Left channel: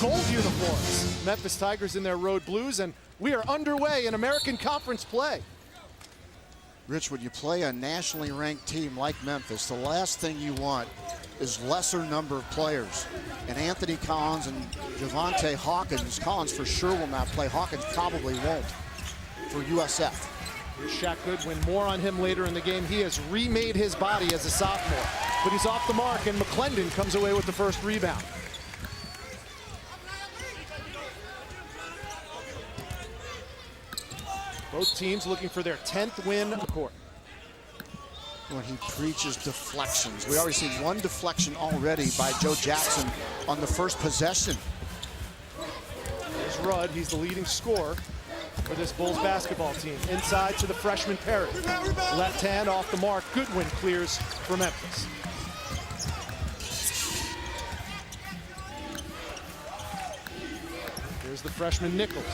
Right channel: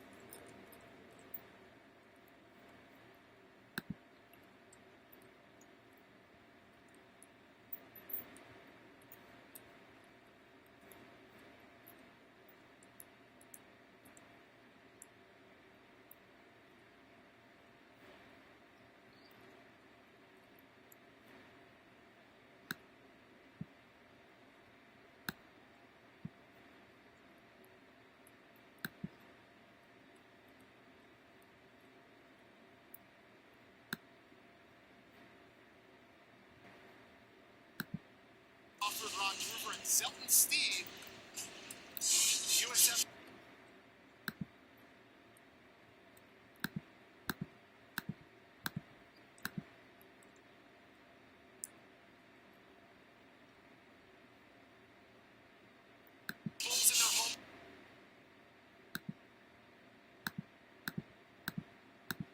gold uniforms. Memphis Tigers in their road blues, and we are underway in American Conference play. Rich, when you play a nationally ranked team like Memphis, the last thing you want is lesser number of players. And Anthony Collins and Javante Hawkins, Collins for sure will not play. Hawkins probably won't for USF. Here's Shaq Goodwin, more on him later in the game. He has remade his body as a sophomore, but he's off the mark, and McClendon comes away with the first rebound. Both teams looking for their 10th win on the court. When he preaches deflections. We already seen one deflection already by Joe Jackson on the first possession. Here's Rudd, he's the leading scorer for this Bulls basketball team. Inside to the freshman Perry. Left hand off the mark. Goodwin clears for Memphis. Here's the freshman Nichols.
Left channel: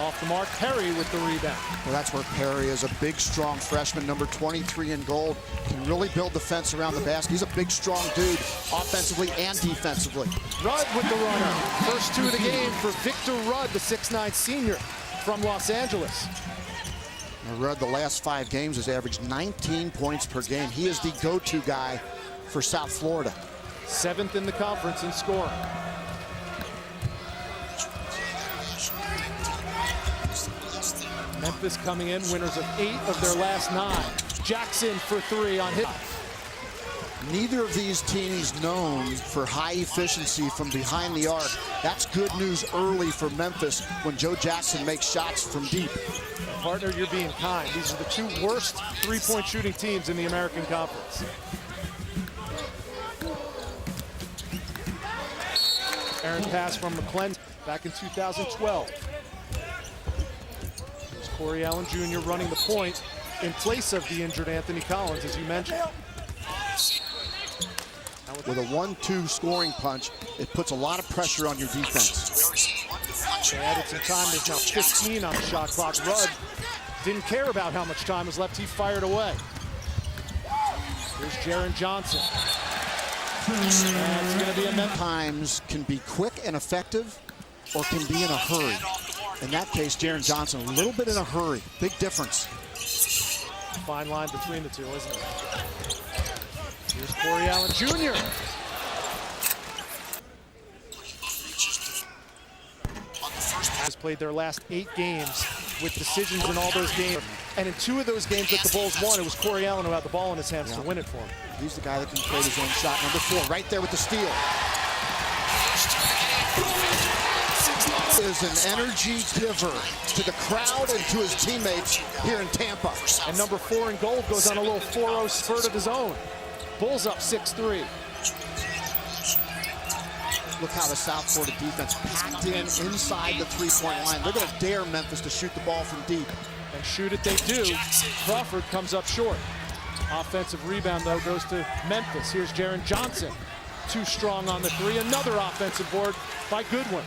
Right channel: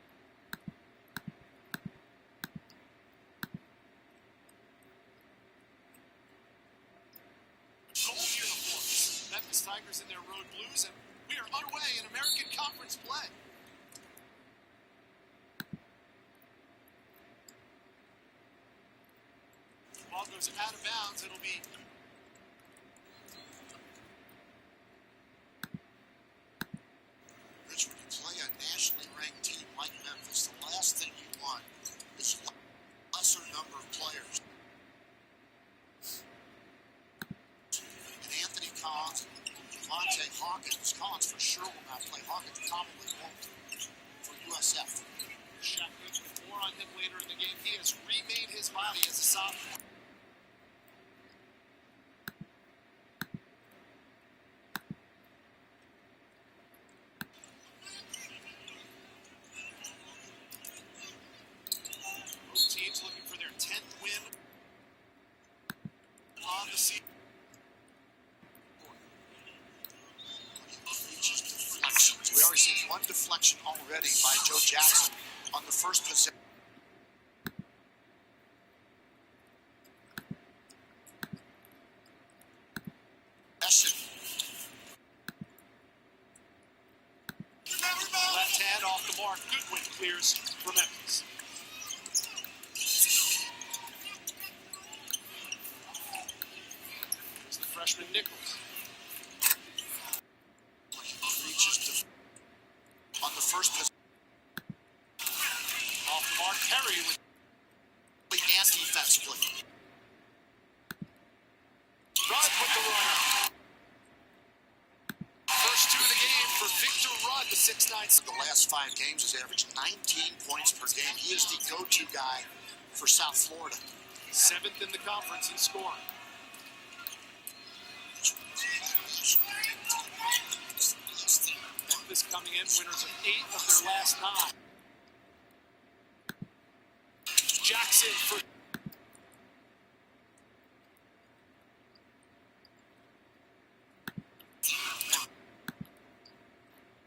Off the mark, Perry with the rebound. Well, that's where Perry is a big, strong freshman, number 23 in gold. Can really build defense around the basket. He's a big, strong dude, offensively and defensively. Rudd with the runner. First two of the game for Victor Rudd, the 6'9" senior from Los Angeles. Rudd, the last 5 games, has averaged 19 points per game. He is the go-to guy for South Florida. 7th in the conference in scoring. Memphis coming in, winners of 8 of their last 9. Jackson for 3 on hit. Neither of these teams known for high efficiency from behind the arc. That's good news early for Memphis when Joe Jackson makes shots from deep. Partner, you're being kind. These are the 2 worst three-point shooting teams in the American Conference. Errant pass from McClendon back in 2012. Corey Allen Jr. running the point in place of the injured Anthony Collins, as you mentioned. With a 1-2 scoring punch, it puts a lot of pressure on your defense. They added some time. There's now 15 on the shot clock. Rudd didn't care about how much time was left. He fired away. Here's Jaren Johnson. And it's going to be a Memphis. Times can be quick and effective, or can be in a hurry. In that case, Jaren Johnson, a little bit in a hurry. Big difference. Fine line between the two, isn't it? Here's Corey Allen Jr. Has played their last 8 games with decisions in all those games. And in 2 of those games that the Bulls won, it was Corey Allen who had the ball in his hands to win it for him. He's the guy that can create his own shot. Number 4, right there with the steal. First to the game for Victor Rudd, 6'9". Is an energy giver to the crowd and to his teammates here in Tampa. And number 4 in gold goes on a little 4-0 spurt of his own. Bulls up 6-3. Look how the South Florida defense packed in inside the three-point line. They're going to dare Memphis to shoot the ball from deep. And shoot it they do. Crawford comes up short. Offensive rebound, though, goes to Memphis. Here's Jaren Johnson. Too strong on the 3. Another offensive board by Goodwin.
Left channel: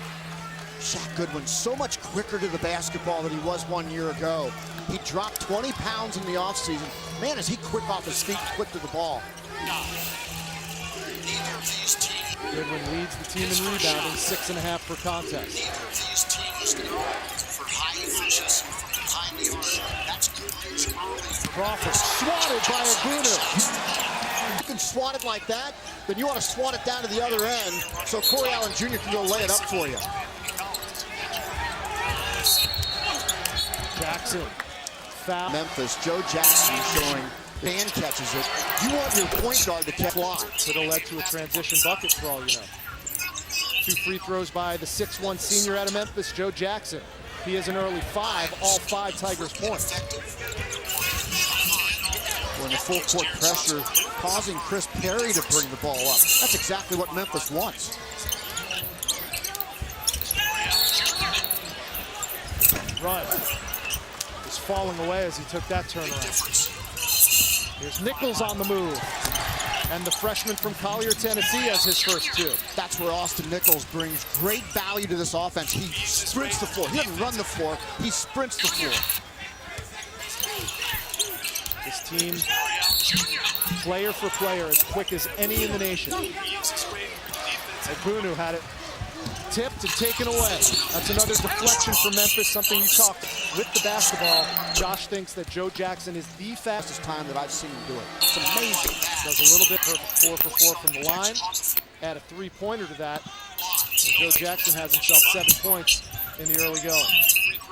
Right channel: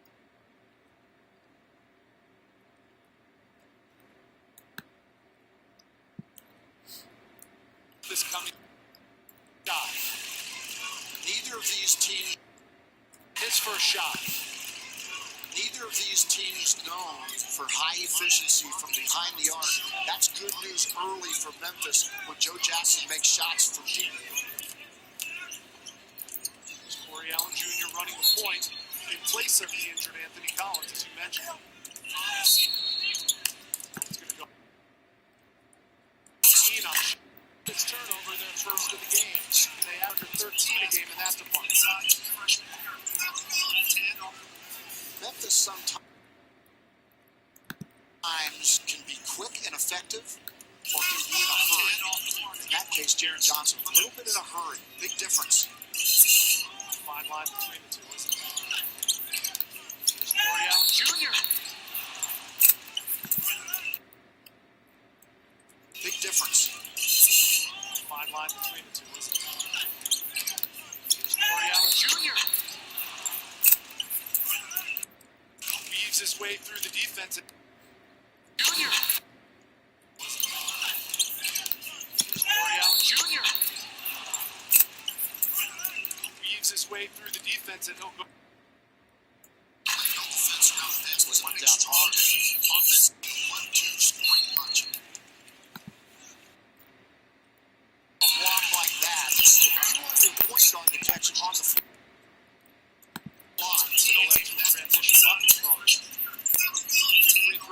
Shaq Goodwin, so much quicker to the basketball than he was 1 year ago. He dropped 20 pounds in the offseason. Man, is he quick off his feet, quick to the ball. Neither of these teams. Goodwin leads the team in rebounding, 6.5 for contact. Neither of these teams known for high efficiency from behind the arc. That's good news early for Crawford Memphis. swatted by a Bruner. You can swat it like that, then you want to swat it down to the other end so Corey Allen Jr. can go lay it up for you. Jackson. Foul. Memphis, Joe Jackson showing hand catches it. You want your point guard to catch block. Could have led to a transition bucket for all you know. 2 free throws by the 6'1" senior out of Memphis, Joe Jackson. He has an early 5, all 5 Tigers points. When the full court pressure causing Chris Perry to bring the ball up. That's exactly what Memphis wants. Rudd is falling away as he took that turnaround. Here's Nichols on the move. And the freshman from Collier, Tennessee has his first 2. That's where Austin Nichols brings great value to this offense. He sprints the floor. He doesn't run the floor. He sprints the floor. This team, player for player, as quick as any in the nation. He uses his way through the defense. Bunu had it tipped and taken away. That's another deflection for Memphis, something you talked with the basketball. Josh thinks that Joe Jackson is the fastest Time that I've seen him do it. It's amazing. Does a little bit for 4 for 4 from the line. Add a three-pointer to that. Joe Jackson has himself 7 points in the early going.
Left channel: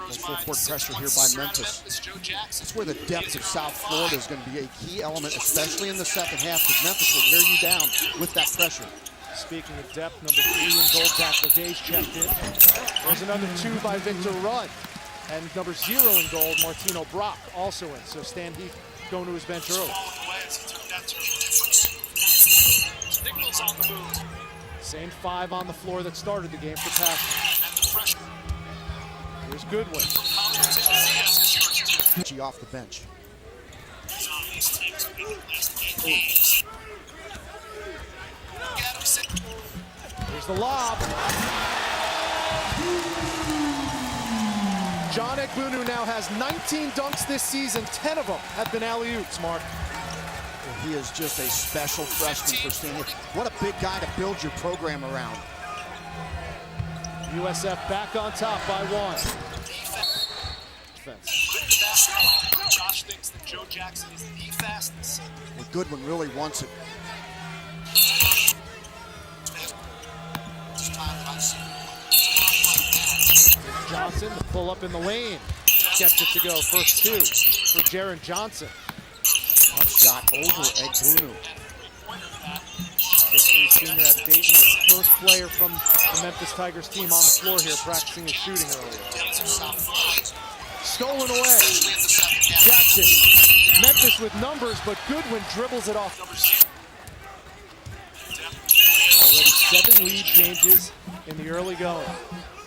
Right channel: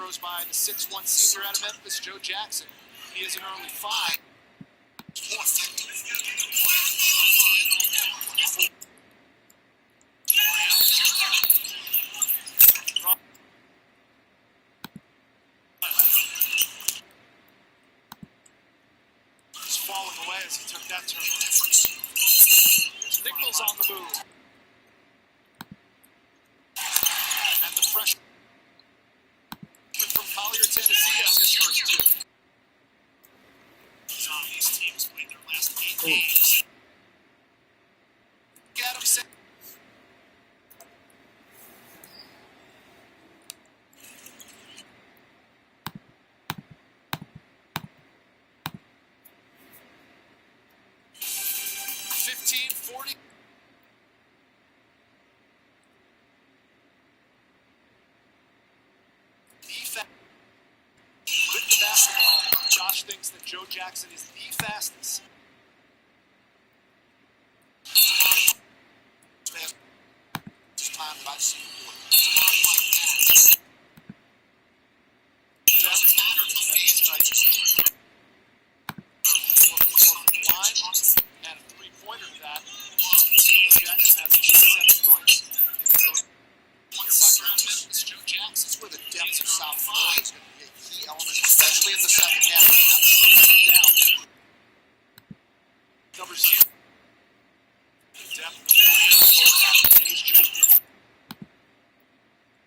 Full court pressure here by Memphis. That's where the depth of South Florida is going to be a key element, especially in the second half, because Memphis will wear you down with that pressure. Speaking of depth, number 3 in gold, Zach Legage checked in. There's another 2 by Victor Rudd. And number 0 in gold, Martino Brock, also in. So Stan Heath going to his bench early. Nichols on the move. Same 5 on the floor that started the game for passing. And the pressure Here's Goodwin. from Collier, Tennessee is yours too. Off the bench. Some of these teams win their last 8 games. Get him set. Here's the lob. John Egbunu now has 19 dunks this season. 10 of them have been alley-oops, Mark. He is just a special freshman for senior. What a big guy to build your program around. USF back on top by 1. Defense. Defense. With the basketball, Josh thinks that Joe Jackson is the fastest. Well, Goodwin really wants it. It's time that I've seen. Johnson, the pull up in the lane. Gets it to go. First 2 for Jaren Johnson. Shot over Egbunu. And a three-pointer to that. First player from the Memphis Tigers team on the floor here practicing his shooting earlier. Depth of South Florida. Stolen away. Especially in the second half. Left it. Memphis with numbers, but Goodwin dribbles it off. Number 0. Depth. 7 lead changes in the early going.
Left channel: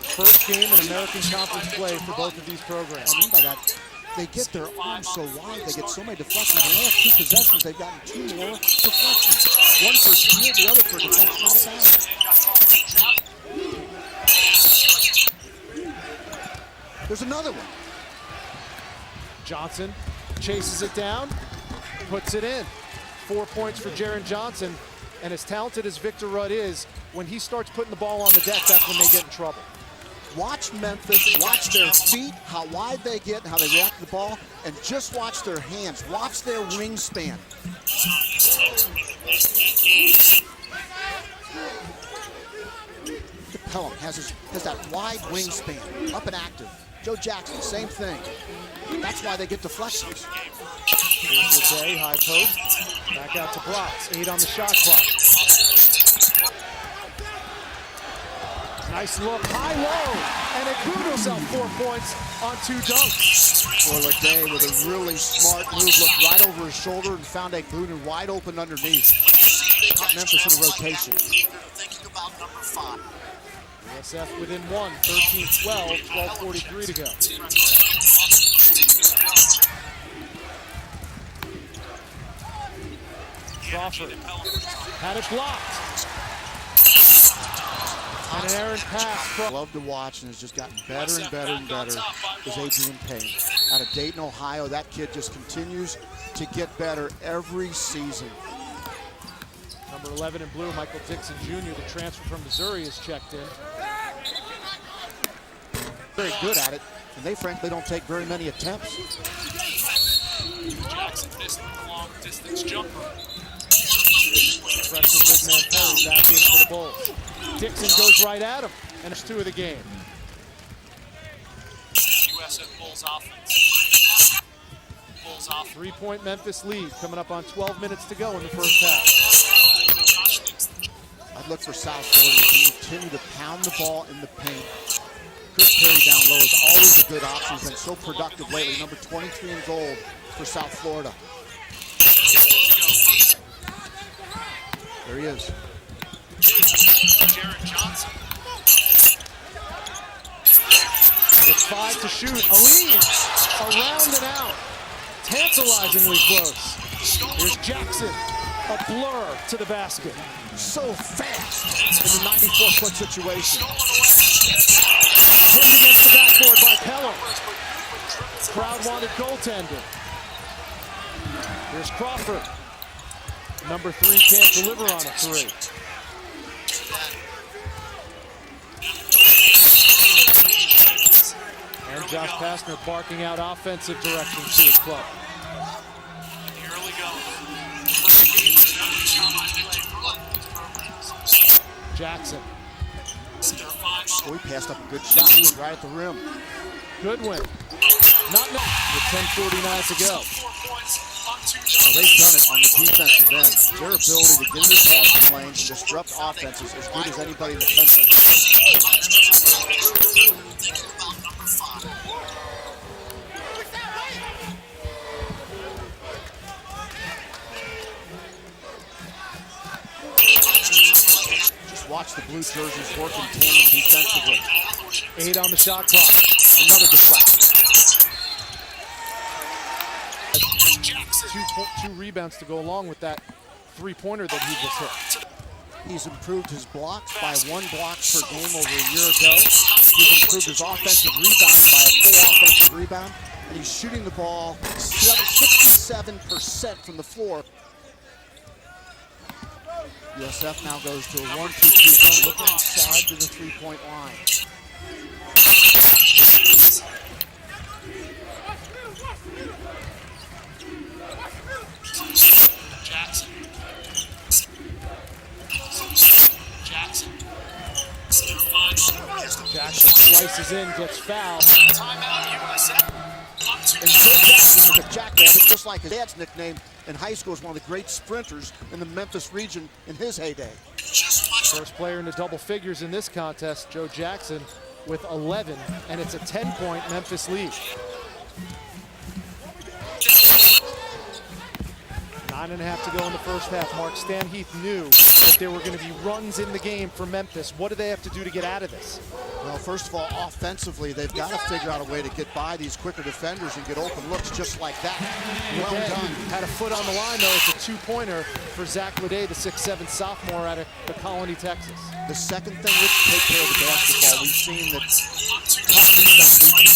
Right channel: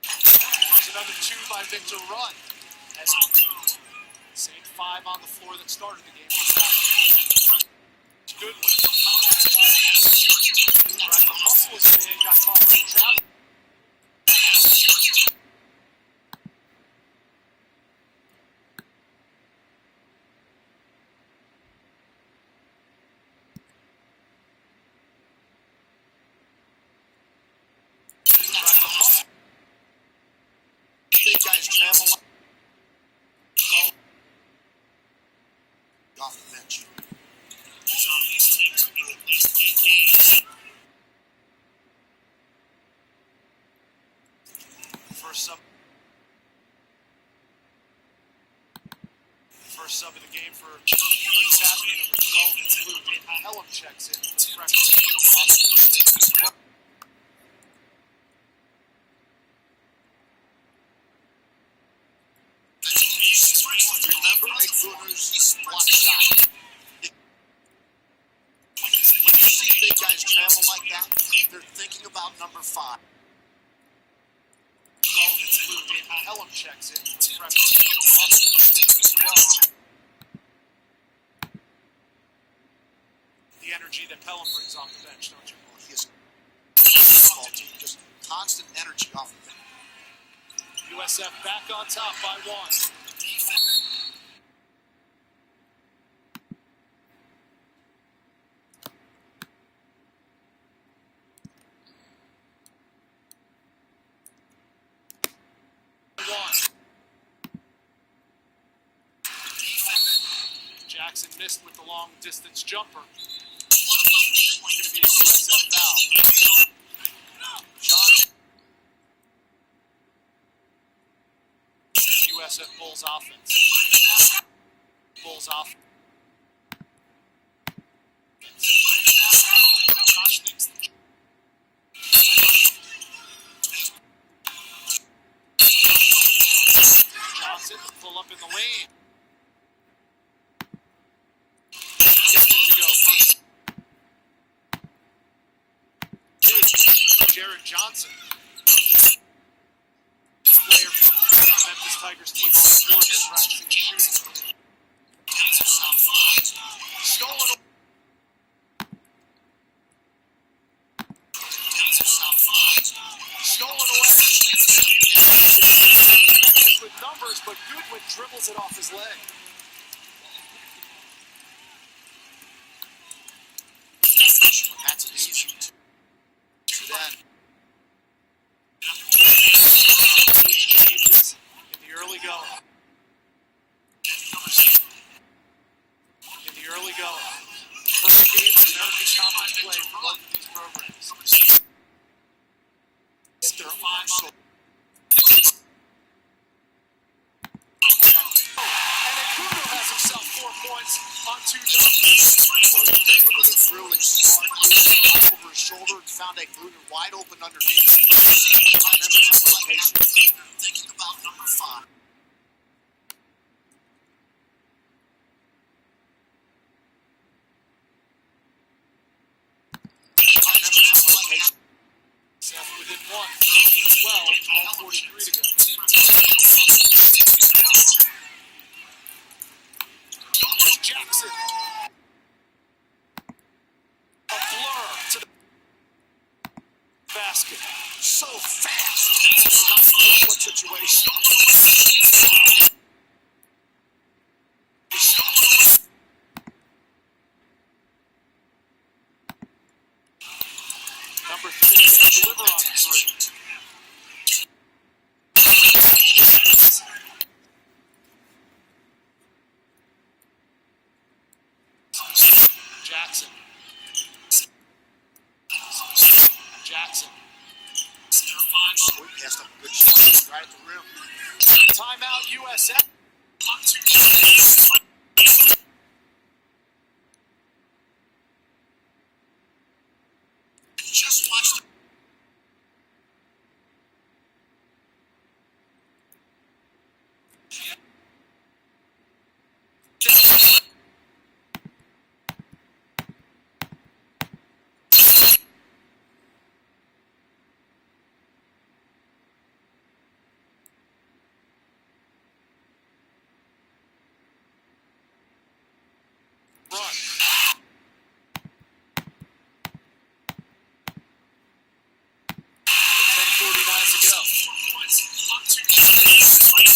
First game in American Conference play for both of these programs. I mean by that, they get their arms so wide, they get so many deflections. In the last 2 possessions, they've gotten 2 more deflections. One for field, the other for defense. There's another one. Johnson chases it down, puts it in. 4 points for Jaren Johnson. And as talented as Victor Rudd is, when he starts putting the ball on the deck, that's when they get in trouble. Watch Memphis, watch their feet, how wide they get, and how they react to the ball, and just watch their hands. Watch their wingspan. Pelham has that wide wingspan, up and active. Joe Jackson, same thing. That's why they get deflections. Here's the play, high post. Back out to blocks. 8 on the shot clock. Nice look, high low, and Egbunu himself 4 points on 2 dunks. Legay with a really smart move, looked right over his shoulder and found Egbunu wide open underneath. Memphis in rotation. They're thinking about number 5. USF within 1, 13-12, 12:43 to go. Crawford had it blocked. And an errant pass. Love to watch, and has just gotten better and better and better as Adrian Payne. Out of Dayton, Ohio, that kid just continues to get better every season. Number 11 in blue, Michael Dixon Jr., the transfer from Missouri, is checked in. Very good at it, and they frankly don't take very many attempts. Jackson missed with the long distance jumper. Freshman back in for the Bulls. Dixon goes right at him, and it's 2 of the game. USF Bulls offense. Bulls off. 3-point Memphis lead, coming up on 12 minutes to go in the first half. I'd look for South Florida to continue to pound the ball in the paint. Chris Perry down low is always a good option. He's been so productive lately. Number 23 in gold for South Florida. There he is. Jaren Johnson. With 5 to shoot, around and out. Tantalizingly close. Here's Jackson, a blur to the basket. So fast in the 94-foot situation. Backboard by Pelham. Crowd wanted goaltender. Here's Crawford. Number 3 can't deliver on a 3. Pastner barking out offensive directions to his club. In the early going, first game was every time I played for one of these programs. Jackson. Oh, he passed up a good shot. He was right at the rim. Goodwin. Not enough with 10:49 to go. Well, they've done it on the defensive end. Their ability to get inside the lanes and disrupt offenses as good as anybody in the country. Thinking about number 5. Just watch the blue jerseys working tandem defensively. 8 on the shot clock. Another deflection. Two rebounds to go along with that three-pointer that he just hit. He's improved his blocks by 1 block per game over a year ago. He's improved his offensive rebounds by a full offensive rebound. And he's shooting the ball 67% from the floor. USF now goes to a 1-2-3 look outside to the three-point line. Jackson. Jackson slices in, gets fouled. Timeout USF. And Jackson was a jackrabbit, just like his dad's nickname in high school, is one of the great sprinters in the Memphis region in his heyday. First player into double figures in this contest, Joe Jackson with 11, and it's a 10-point Memphis lead. 9.5 to go in the first half. Mark Stanheath knew that there were going to be runs in the game for Memphis. What do they have to do to get out of this? Well, first of all, offensively, they've got to figure out a way to get by these quicker defenders and get open looks just like that. Well done. Had a foot on the line, though. It's a two-pointer for Zach Leday, the 6'7" sophomore out of the Colony, Texas. The second thing is to take care of the basketball. We've seen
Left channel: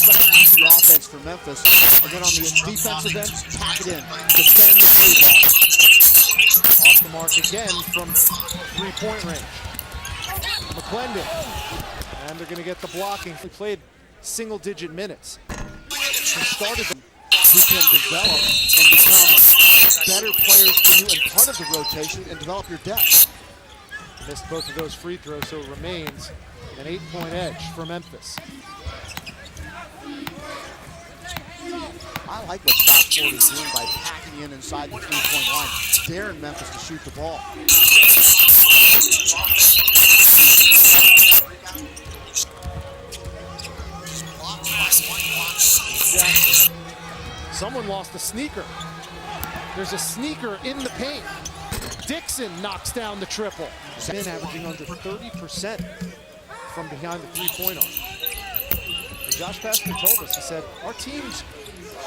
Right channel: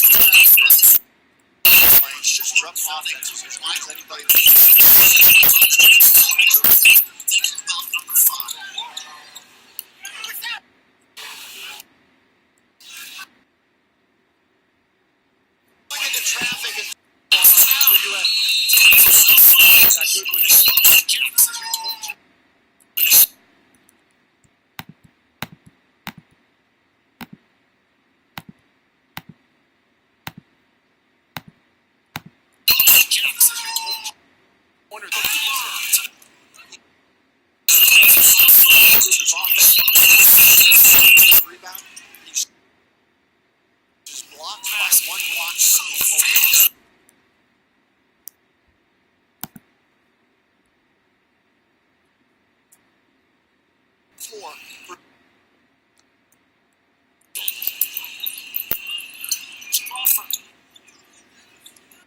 that the offense for Memphis, and then on the defensive end, pack it in. Off the mark again from three-point range. McClendon. And they're going to get the blocking. He played single-digit minutes. He started to can develop and become better players for you and part of the rotation and develop your depth. Missed both of those free throws, so it remains an 8-point edge for Memphis. I like what South Florida is doing by packing in inside the three-point line, daring Memphis to shoot the ball. Someone lost a sneaker. There's a sneaker in the paint. Dixon knocks down the triple. Men averaging under 30% from behind the three-point arc. Josh Pastner told us, he said, our team's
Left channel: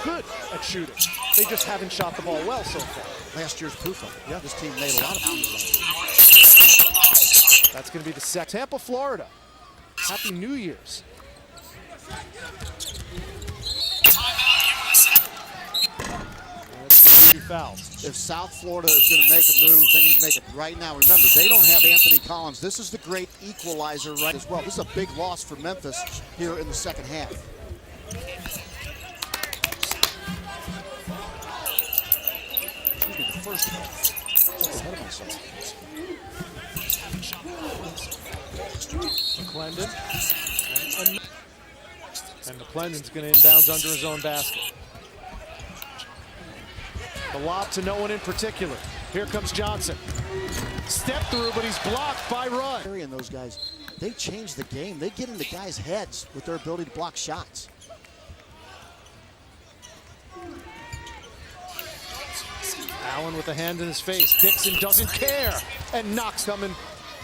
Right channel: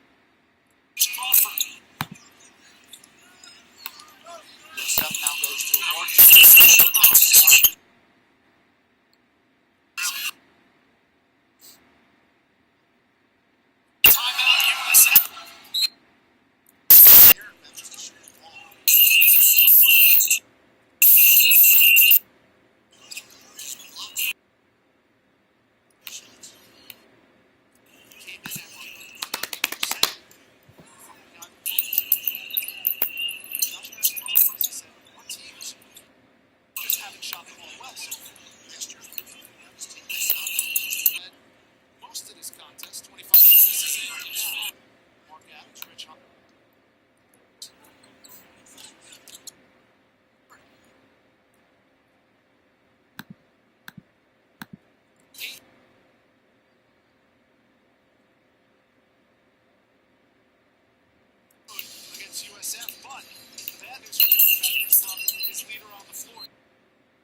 good at shooting. They just haven't shot the ball well so far. Last year's proof of it. Yeah, this team made a lot of moves. That's going to be the second. Tampa, Florida. Happy New Year's. If South Florida is going to make a move, then you make it right now. Remember, they don't have Anthony Collins. This is the great equalizer right as well. This is a big loss for Memphis here in the second half. The first ahead of myself. McClendon. And McClendon's going to inbound under his own basket. The lob to no one in particular. Here comes Johnson. Step through, but he's blocked by Rudd. And those guys, they change the game. They get in the guys' heads with their ability to block shots. Allen with a hand in his face. Dixon doesn't care and knocks coming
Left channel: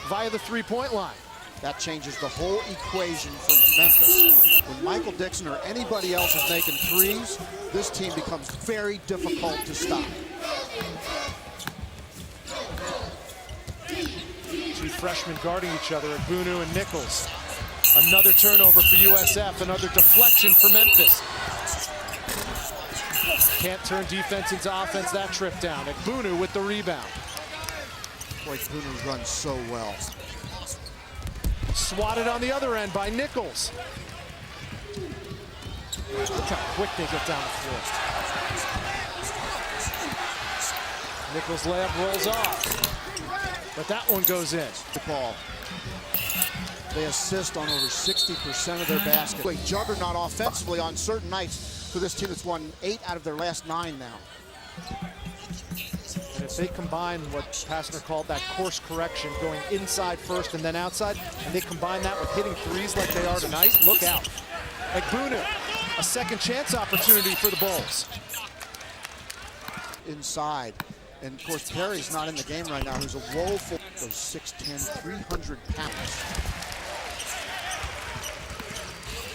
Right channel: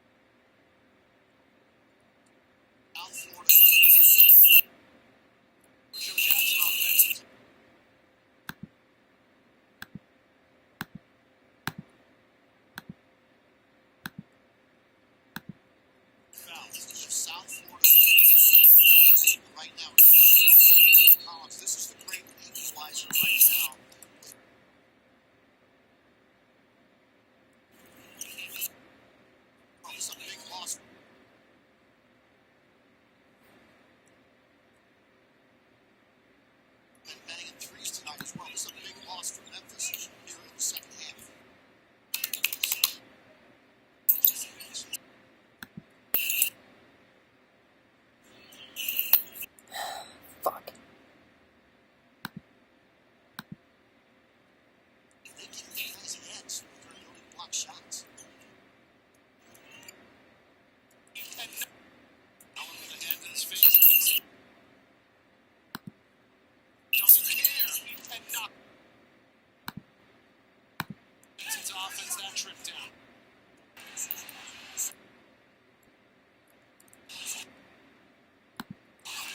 via the three-point line. That changes the whole equation for Memphis. When Michael Dixon or anybody else is making threes, this team becomes very difficult to stop. Two freshmen guarding each other, Bunu and Nichols. Another turnover for USF, another deflection for Memphis. Can't turn defense into offense that trip down. Bunu with the rebound. Boy, Bunu runs so well. Swatted on the other end by Nichols. Look how quick they get down the floor. Nichols' layup rolls off, but that one goes in. The ball. They assist on over 60% of their baskets. A juggernaut offensively on certain nights for this team that's won 8 out of their last 9 now. And if they combine what Pastner called that course correction, going inside first and then outside, and they combine that with hitting threes like they are tonight, look out. Like Bunu, a second chance opportunity for the Bulls. Inside. And of course, Perry's not in the game right now. Who's a woeful 6'10", 300 pounds.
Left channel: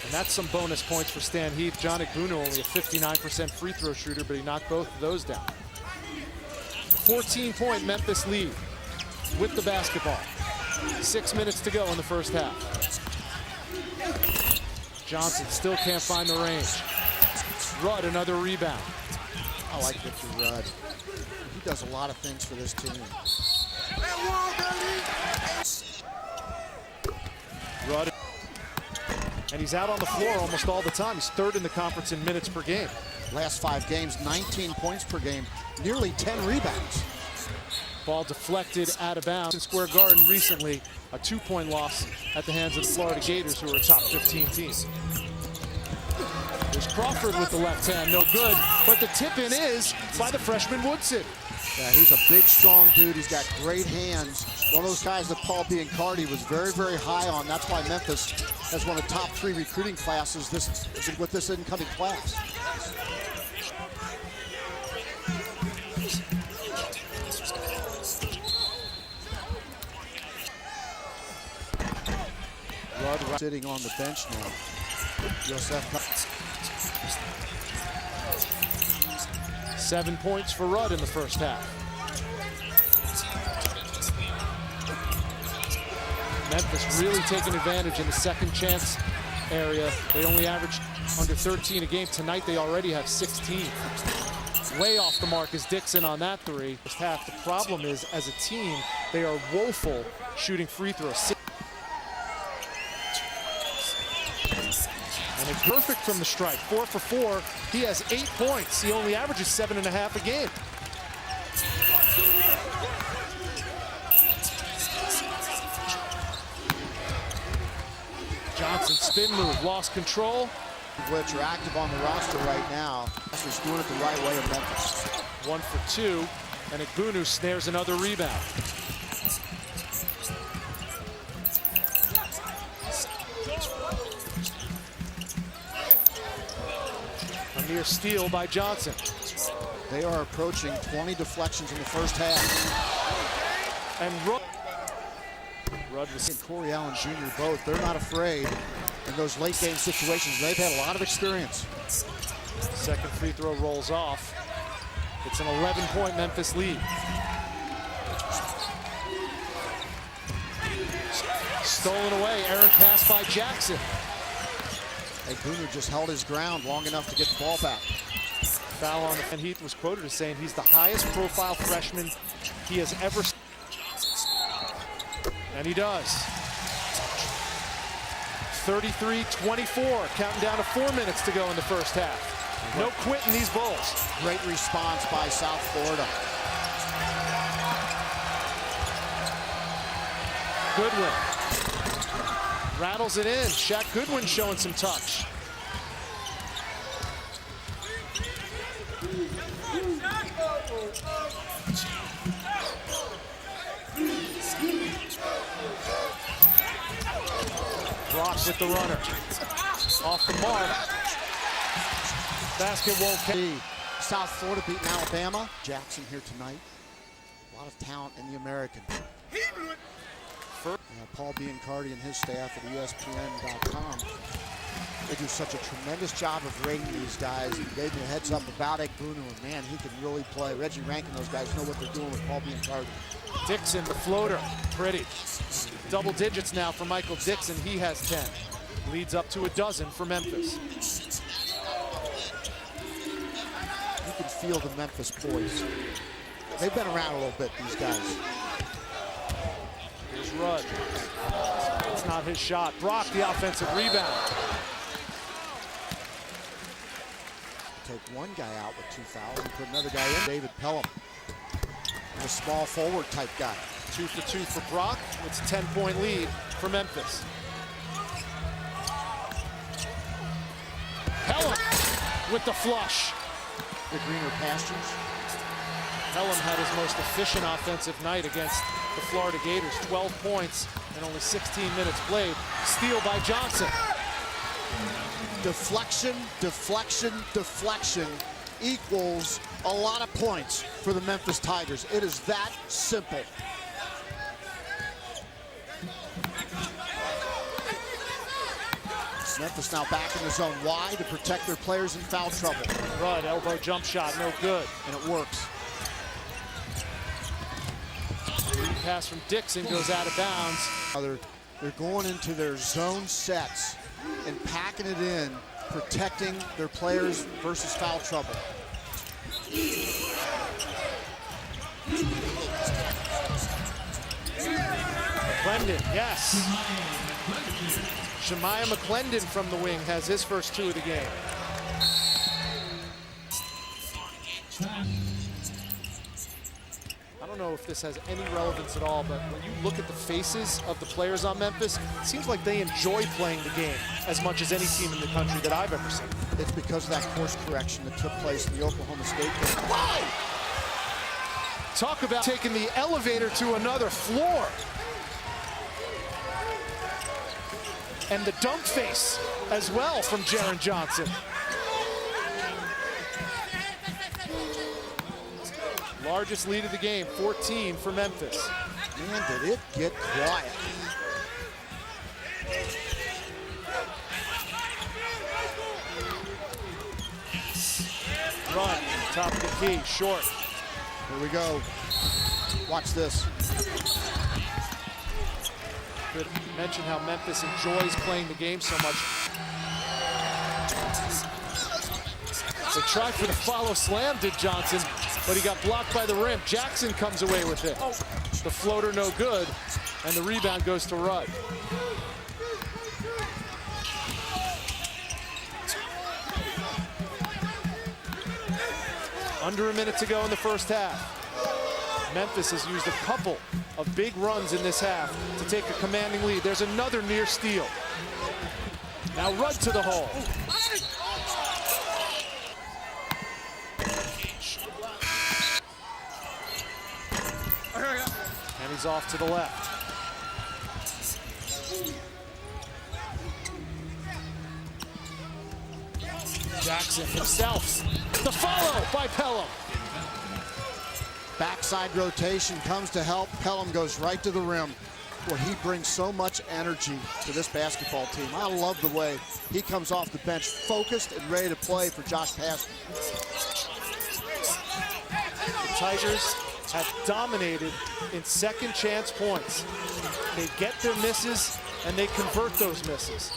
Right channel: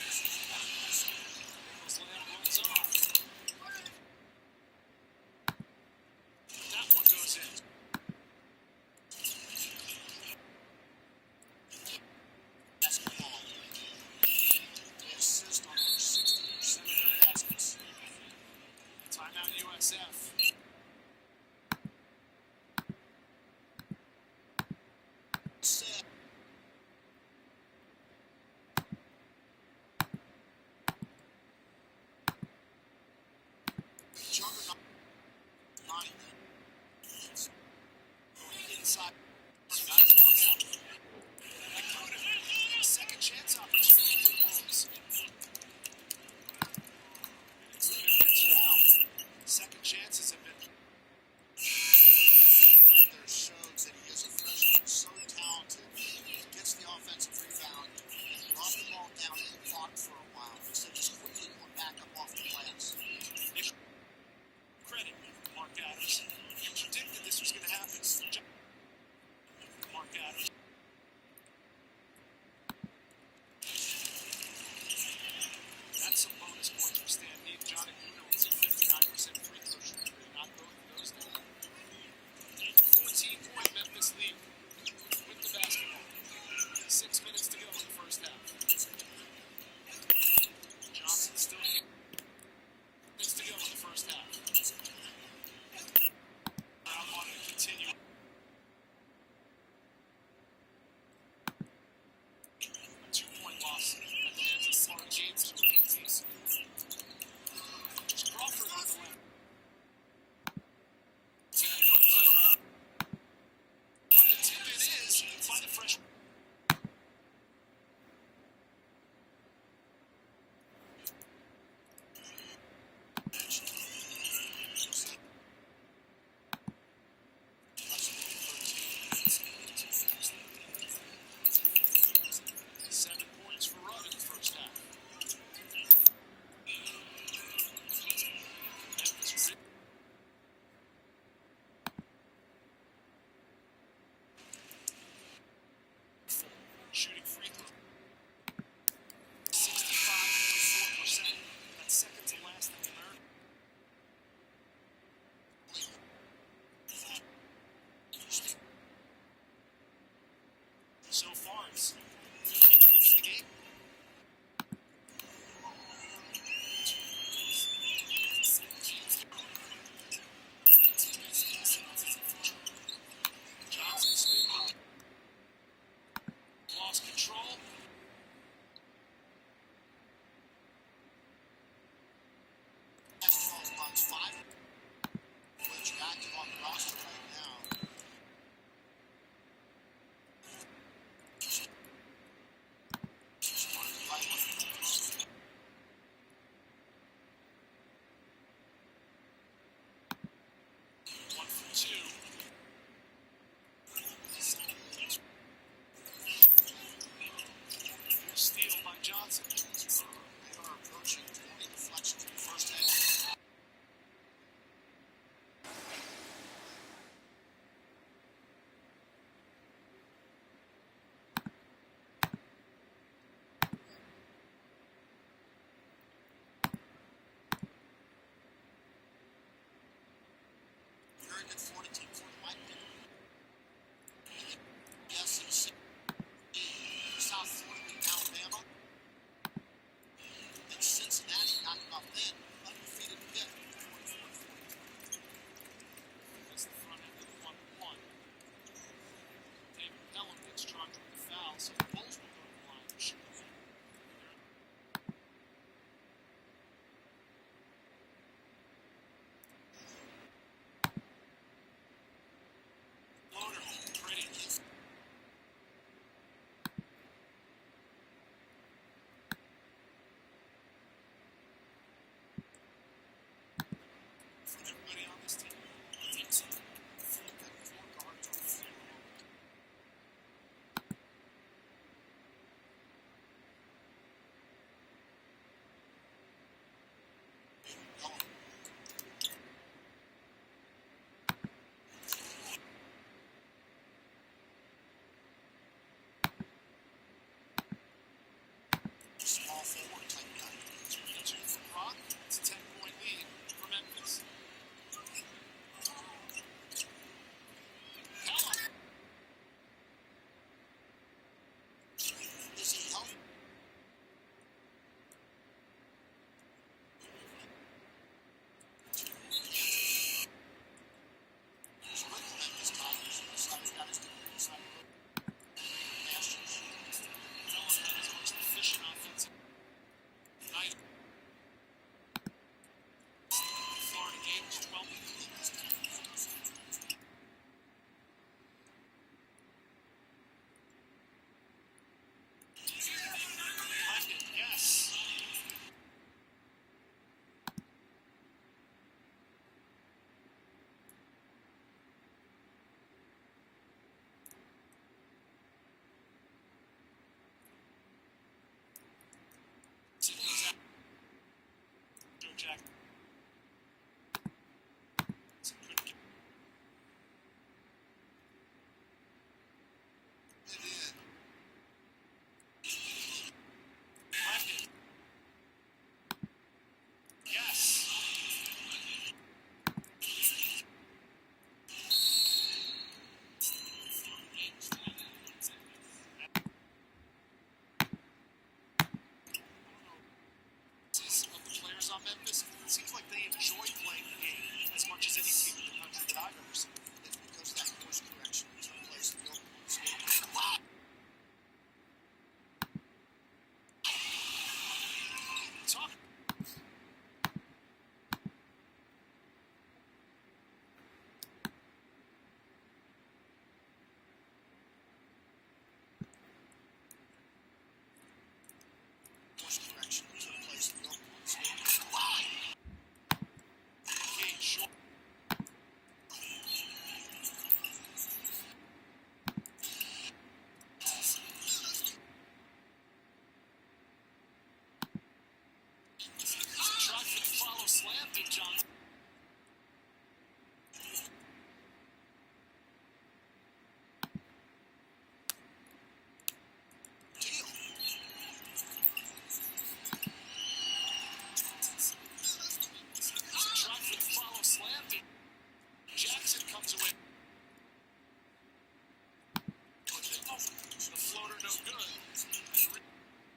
And that's some bonus points for Stan Heath. John Igbunu, only a 59% free throw shooter, but he knocked both of those down. 14-point Memphis lead with the basketball. 6 minutes to go in the first half. Johnson still can't find the range. Rudd, another rebound. I like Victor Rudd. He does a lot of things for this team. Rudd, and he's out on the floor almost all the time. He's third in the conference in minutes per game. Last 5 games, 19 points per game, nearly 10 rebounds. Ball deflected out of bounds in Square Garden recently. A 2-point loss at the hands of the Florida Gators, who are a top 15 team. There's Crawford with the left hand, no good. But the tip-in is by the freshman Woodson. Yeah, he's a big, strong dude. He's got great hands. One of those guys that Paul Biancardi was very, very high on. That's why Memphis has one of the top 3 recruiting classes with this incoming class. Rudd sitting on the bench now. USF. 7 points for Rudd in the first half. Memphis really taking advantage in the second chance area. They only averaged under 13 a game. Tonight they already have 16. Way off the mark is Dixon on that 3. First half, the problem is, as a team, they are woeful shooting free throws. And it's perfect from the stripe. 4 for 4. He has 8 points. He only averages 7.5 a game. Johnson spin move, lost control. Which are active on the roster right now. He's doing it the right way in Memphis. 1 for 2, and Igbunu snares another rebound. A near steal by Johnson. They are approaching 20 deflections in the first half. And Rudd was And Corey Allen Jr. both, they're not afraid in those late game situations. They've had a lot of experience. Second free throw rolls off. It's an 11-point Memphis lead. Stolen away, errant pass by Jackson. Igbunu just held his ground long enough to get the ball back. Foul on the, and Heath was quoted as saying he's the highest profile freshman he has ever seen. And he does. 33-24, counting down to 4 minutes to go in the first half. No quitting these Bulls. Great response by South Florida. Goodwin rattles it in. Shaq Goodwin showing some touch. Brock with the runner. Off the mark. Basket won't be. South Florida beating Alabama. Jackson here tonight. A lot of talent in the American. Paul Biancardi and his staff at ESPN.com. They do such a tremendous job of rating these guys. He gave me a heads up about Igbunu, and man, he can really play. Reggie Rankin, those guys know what they're doing with Paul Biancardi. Dixon, the floater, pretty. Double digits now for Michael Dixon. He has 10. Leads up to a dozen for Memphis. You can feel the Memphis boys. They've been around a little bit, these guys. Here's Rudd. It's not his shot. Brock, the offensive rebound. take one guy out with 2 fouls and put another guy in. David Pelham, a small forward type guy. 2 for 2 for Brock. It's a 10-point lead for Memphis. Pelham with the flush. The greener pastures. Pelham had his most efficient offensive night against the Florida Gators. 12 points and only 16 minutes played. Steal by Johnson. Deflection, deflection, deflection equals a lot of points for the Memphis Tigers. It is that simple. Memphis now back in the zone. Why? To protect their players in foul trouble. Rudd, elbow jump shot, no good. And it works. Pass from Dixon goes out of bounds. They're going into their zone sets and packing it in, protecting their players versus foul trouble. McClendon, yes. Jemiah McClendon from the wing has his first 2 of the game. I don't know if this has any relevance at all, but when you look at the faces of the players on Memphis, it seems like they enjoy playing the game as much as any team in the country that I've ever seen. It's because of that course correction that took place in the Oklahoma State game. Wow! Talk about taking the elevator to another floor. And the dunk face as well from Jaren Johnson. Largest lead of the game, 14 for Memphis. Man, did it get quiet. Run, top of the key, short. Here we go. Watch this. Could mention how Memphis enjoys playing the game so much. They tried for the follow slam, did Johnson, but he got blocked by the rim. Jackson comes away with it. The floater no good, and the rebound goes to Rudd. Under a minute to go in the first half. Memphis has used a couple of big runs in this half to take a commanding lead. There's another near steal. Now Rudd to the hole. And he's off to the left. Jackson himself. The follow by Pelham. Backside rotation comes to help. Pelham goes right to the rim, where he brings so much energy to this basketball team. I love the way he comes off the bench focused and ready to play for Josh Pastner. The Tigers have dominated in second chance points. They get their misses and they convert those misses.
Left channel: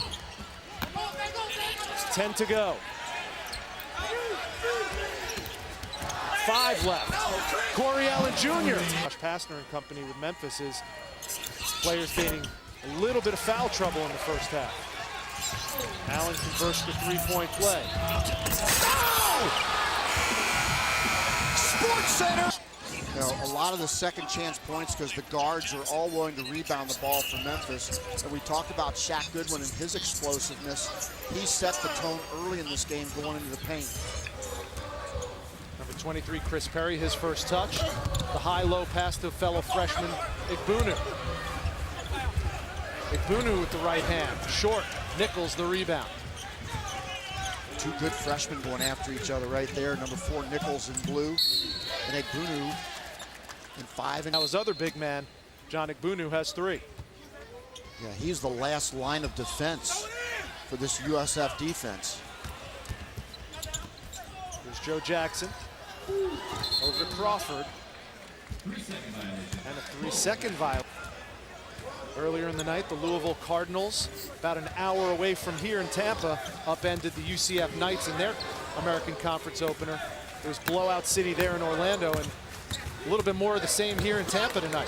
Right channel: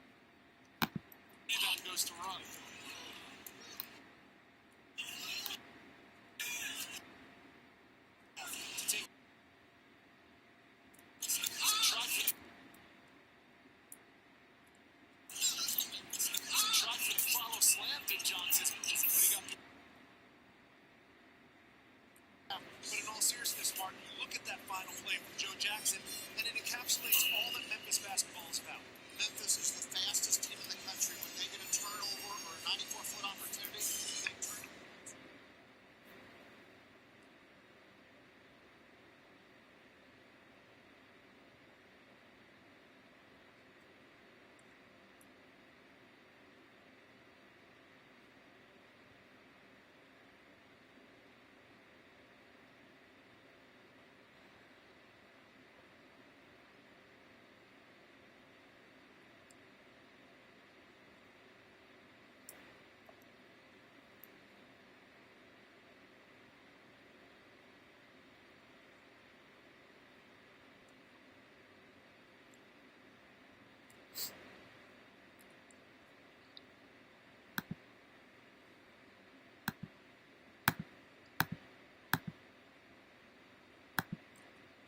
10 to go. 5 left. Corey Allen Jr. Josh Pastner and company with Memphis is players gaining a little bit of foul trouble in the first half. Allen converts the 3-point play. Sports Center. You know, a lot of the second chance points because the guards are all willing to rebound the ball for Memphis. And we talked about Shaq Goodwin and his explosiveness. He set the tone early in this game going into the paint. Number 23, Chris Perry, his first touch. The high-low pass to fellow freshman Igbunu. Igbunu with the right hand. Short. Nichols the rebound. 2 good freshmen going after each other right there. Number 4, Nichols in blue. And Igbunu in 5. Now his other big man, John Igbunu, has 3. Yeah, he's the last line of defense for this USF defense. Here's Joe Jackson. Over to Crawford. And a 3-second violation. Earlier in the night, the Louisville Cardinals, about an hour away from here in Tampa, upended the UCF Knights in their American Conference opener. It was blowout city there in Orlando, and a little bit more of the same here in Tampa tonight.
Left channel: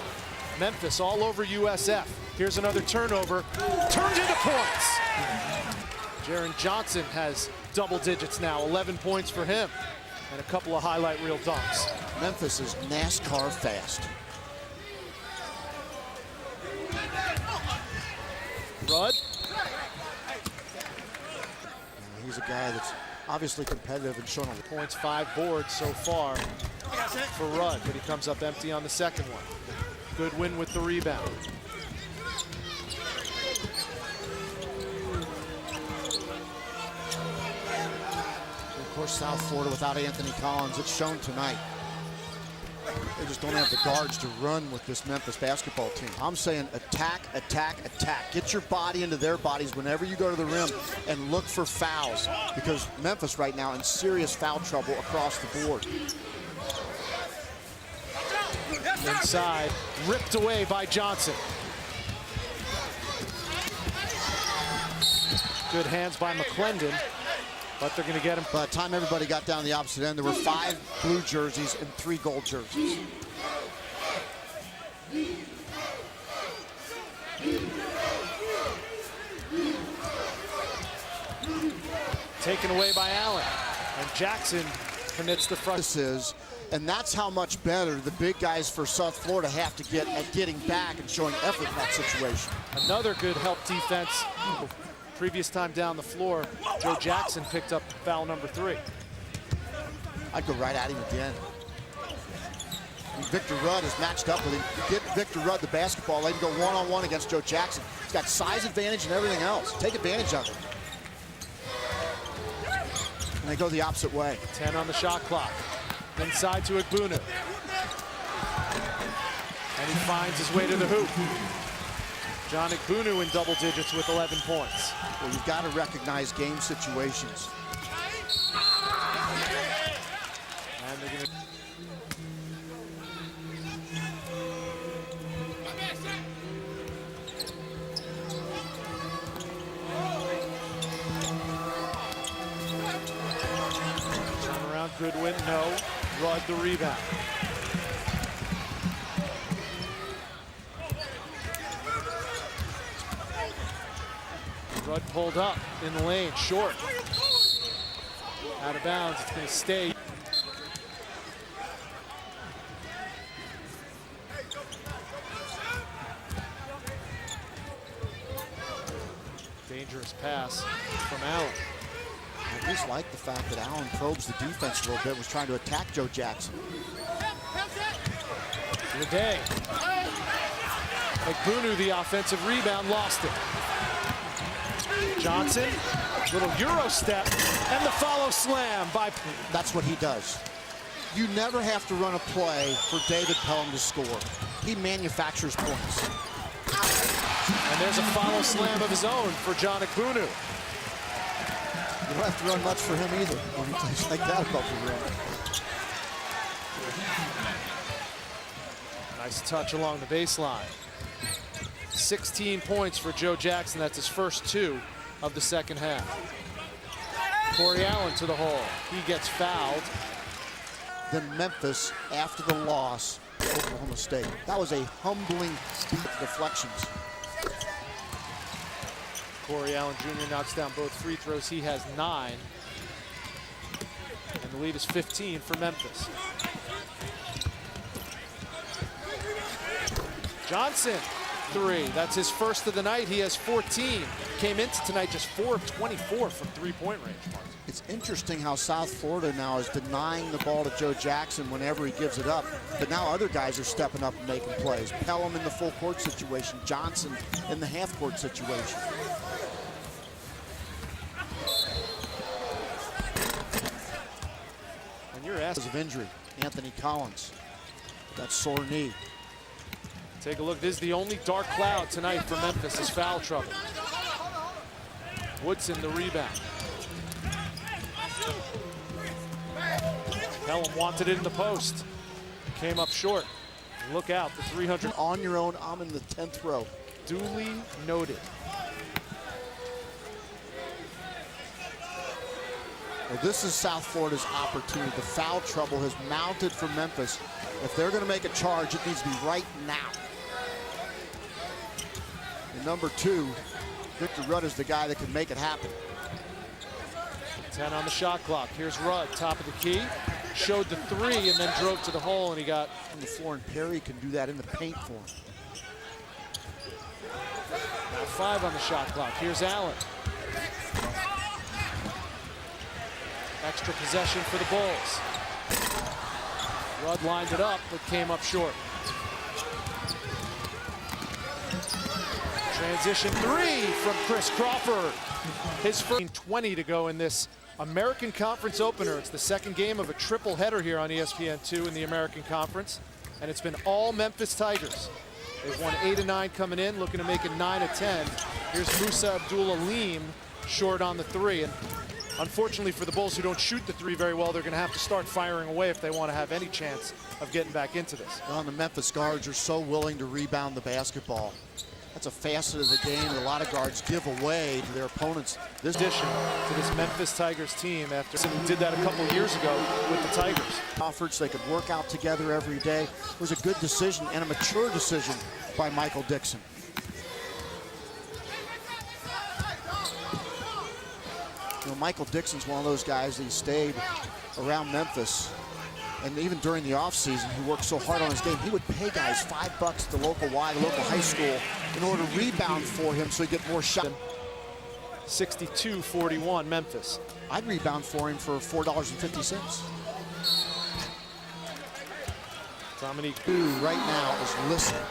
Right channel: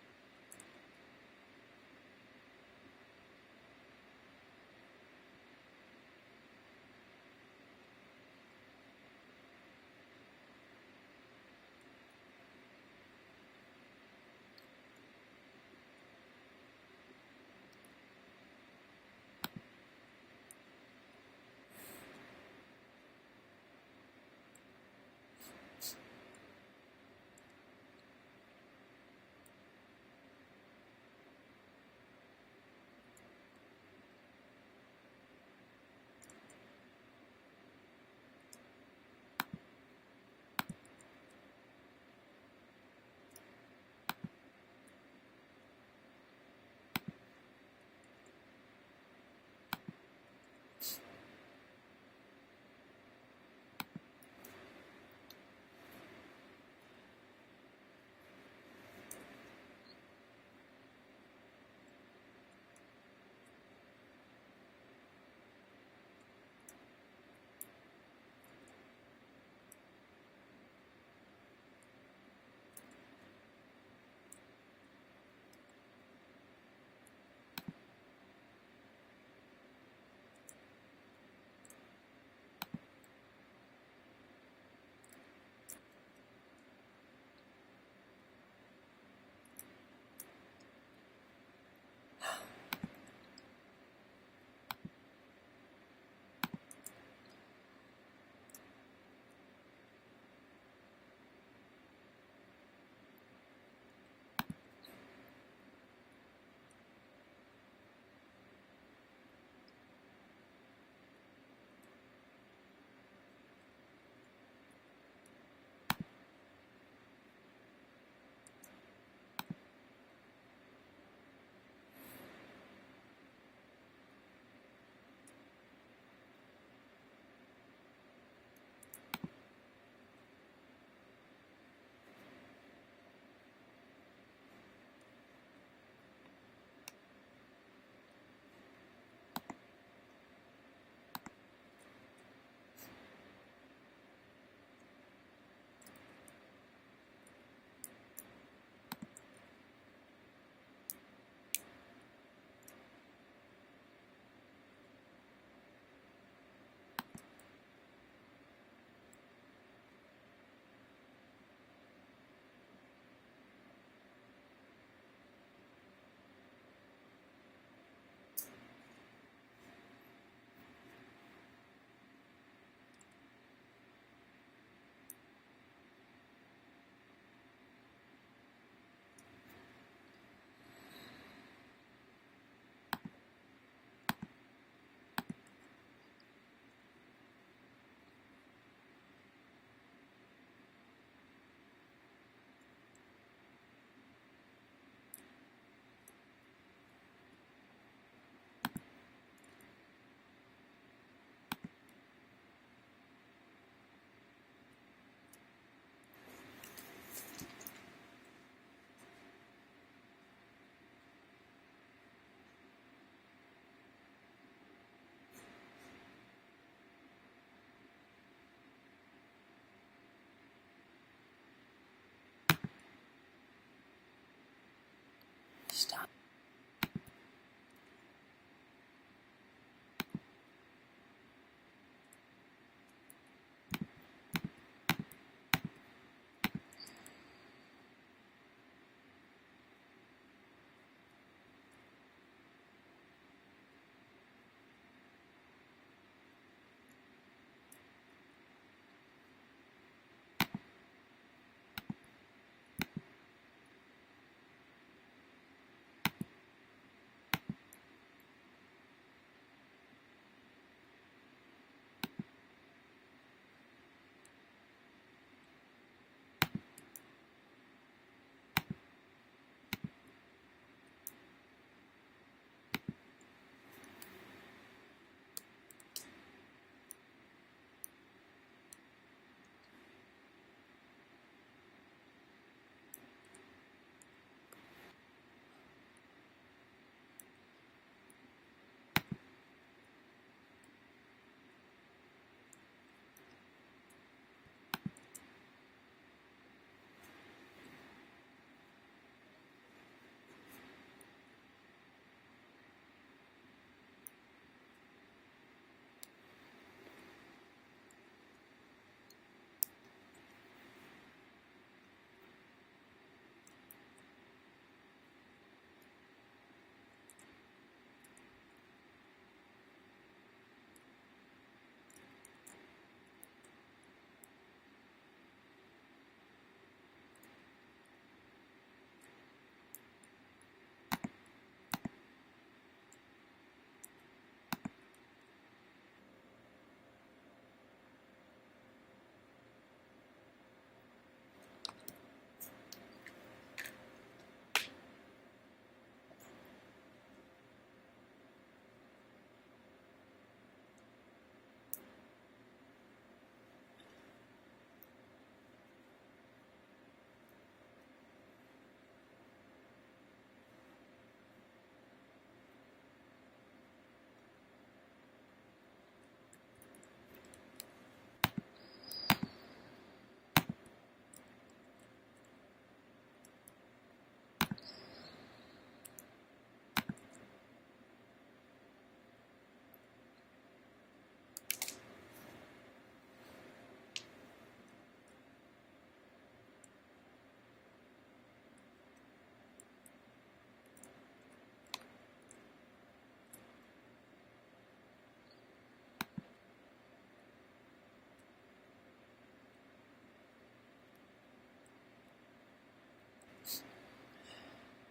Memphis all over USF. Here's another turnover. Turned into points. Jaren Johnson has double digits now, 11 points for him, and a couple of highlight reel dunks. Memphis is NASCAR fast. Rudd. He's a guy that's obviously competitive and shown a Points, 5 boards so far for Rudd, but he comes up empty on the second one. Good win with the rebound. Of course, South Florida without Anthony Collins, it's shown tonight. They just don't have the guards to run with this Memphis basketball team. I'm saying attack, attack, attack. Get your body into their bodies whenever you go to the rim and look for fouls, because Memphis right now in serious foul trouble across the board. Inside, ripped away by Johnson. Good hands by McClendon, but they're going to get him. By the time everybody got down the opposite end, there were 5 blue jerseys and 3 gold jerseys. Taken away by Allen, and Jackson commits the front. This is, and that's how much better the big guys for South Florida have to get at getting back and showing effort in that situation. Another good help defense. Previous time down the floor, Joe Jackson picked up foul number 3. I'd go right at him again. And Victor Rudd is matched up with him. Get Victor Rudd the basketball, let him go one-on-one against Joe Jackson. He's got size advantage and everything else. Take advantage of it. And they go the opposite way. 10 on the shot clock. Inside to Igbunu. And he finds his way to the hoop. John Igbunu in double digits with 11 points. Well, you've got to recognize game situations. And they're gonna... Turn around, Goodwin, no. Rudd the rebound. Rudd pulled up in the lane, short. Out of bounds, it's gonna stay. Dangerous pass from Allen. I just like the fact that Allen probes the defense a little bit, was trying to attack Joe Jackson. Leday. Igbunu, the offensive rebound, lost it. Johnson, little Euro step, and the follow slam by... That's what he does. You never have to run a play for David Pelham to score. He manufactures points. And there's a follow slam of his own for John Igbunu. You don't have to run much for him either when he plays like that above the rim. Nice touch along the baseline. 16 points for Joe Jackson. That's his first 2 of the second half. Corey Allen to the hole. He gets fouled. Then Memphis, after the loss to Oklahoma State. That was a humbling deflections. Corey Allen Jr. knocks down both free throws. He has 9. And the lead is 15 for Memphis. Johnson, 3. That's his first of the night. He has 14. Came into tonight just 4 of 24 from three-point range. It's interesting how South Florida now is denying the ball to Joe Jackson whenever he gives it up. But now other guys are stepping up and making plays. Pelham in the full court situation. Johnson in the half court situation. When you're asked Because of injury, Anthony Collins. That sore knee. Take a look. This is the only dark cloud tonight for Memphis is foul trouble. Woodson the rebound. Pelham wanted it in the post. Came up short. Look out, the 300. On your own, I'm in the 10th row. Duly noted. Well, this is South Florida's opportunity. The foul trouble has mounted for Memphis. If they're going to make a charge, it needs to be right now. And number 2, Victor Rudd is the guy that can make it happen. 10 on the shot clock. Here's Rudd, top of the key. Showed the three and then drove to the hole, and he got on the floor, and Perry can do that in the paint for him. now 5 on the shot clock. Here's Allen. Extra possession for the Bulls. Rudd lined it up, but came up short. Transition 3 from Chris Crawford. His first 20 to go in this American Conference opener. It's the second game of a triple header here on ESPN2 in the American Conference, and it's been all Memphis Tigers. They've won 8 of 9 coming in, looking to make it 9 of 10. Here's Musa Abdul-Aleem short on the 3, and unfortunately for the Bulls, who don't shoot the 3 very well, they're going to have to start firing away if they want to have any chance of getting back into this. Well, the Memphis guards are so willing to rebound the basketball. That's a facet of the game that a lot of guards give away to their opponents. This addition to this Memphis Tigers team after someone did that a couple of years ago with the Tigers. Offered so they could work out together every day. It was a good decision and a mature decision by Michael Dixon. You know, Michael Dixon's one of those guys that he stayed around Memphis. And even during the offseason, he worked so hard on his game. He would pay guys $5 at the local Y, the local high school, in order to rebound for him so he'd get more shots. 62-41 Memphis. I'd rebound for him for $4.50. Dominique right now is listening.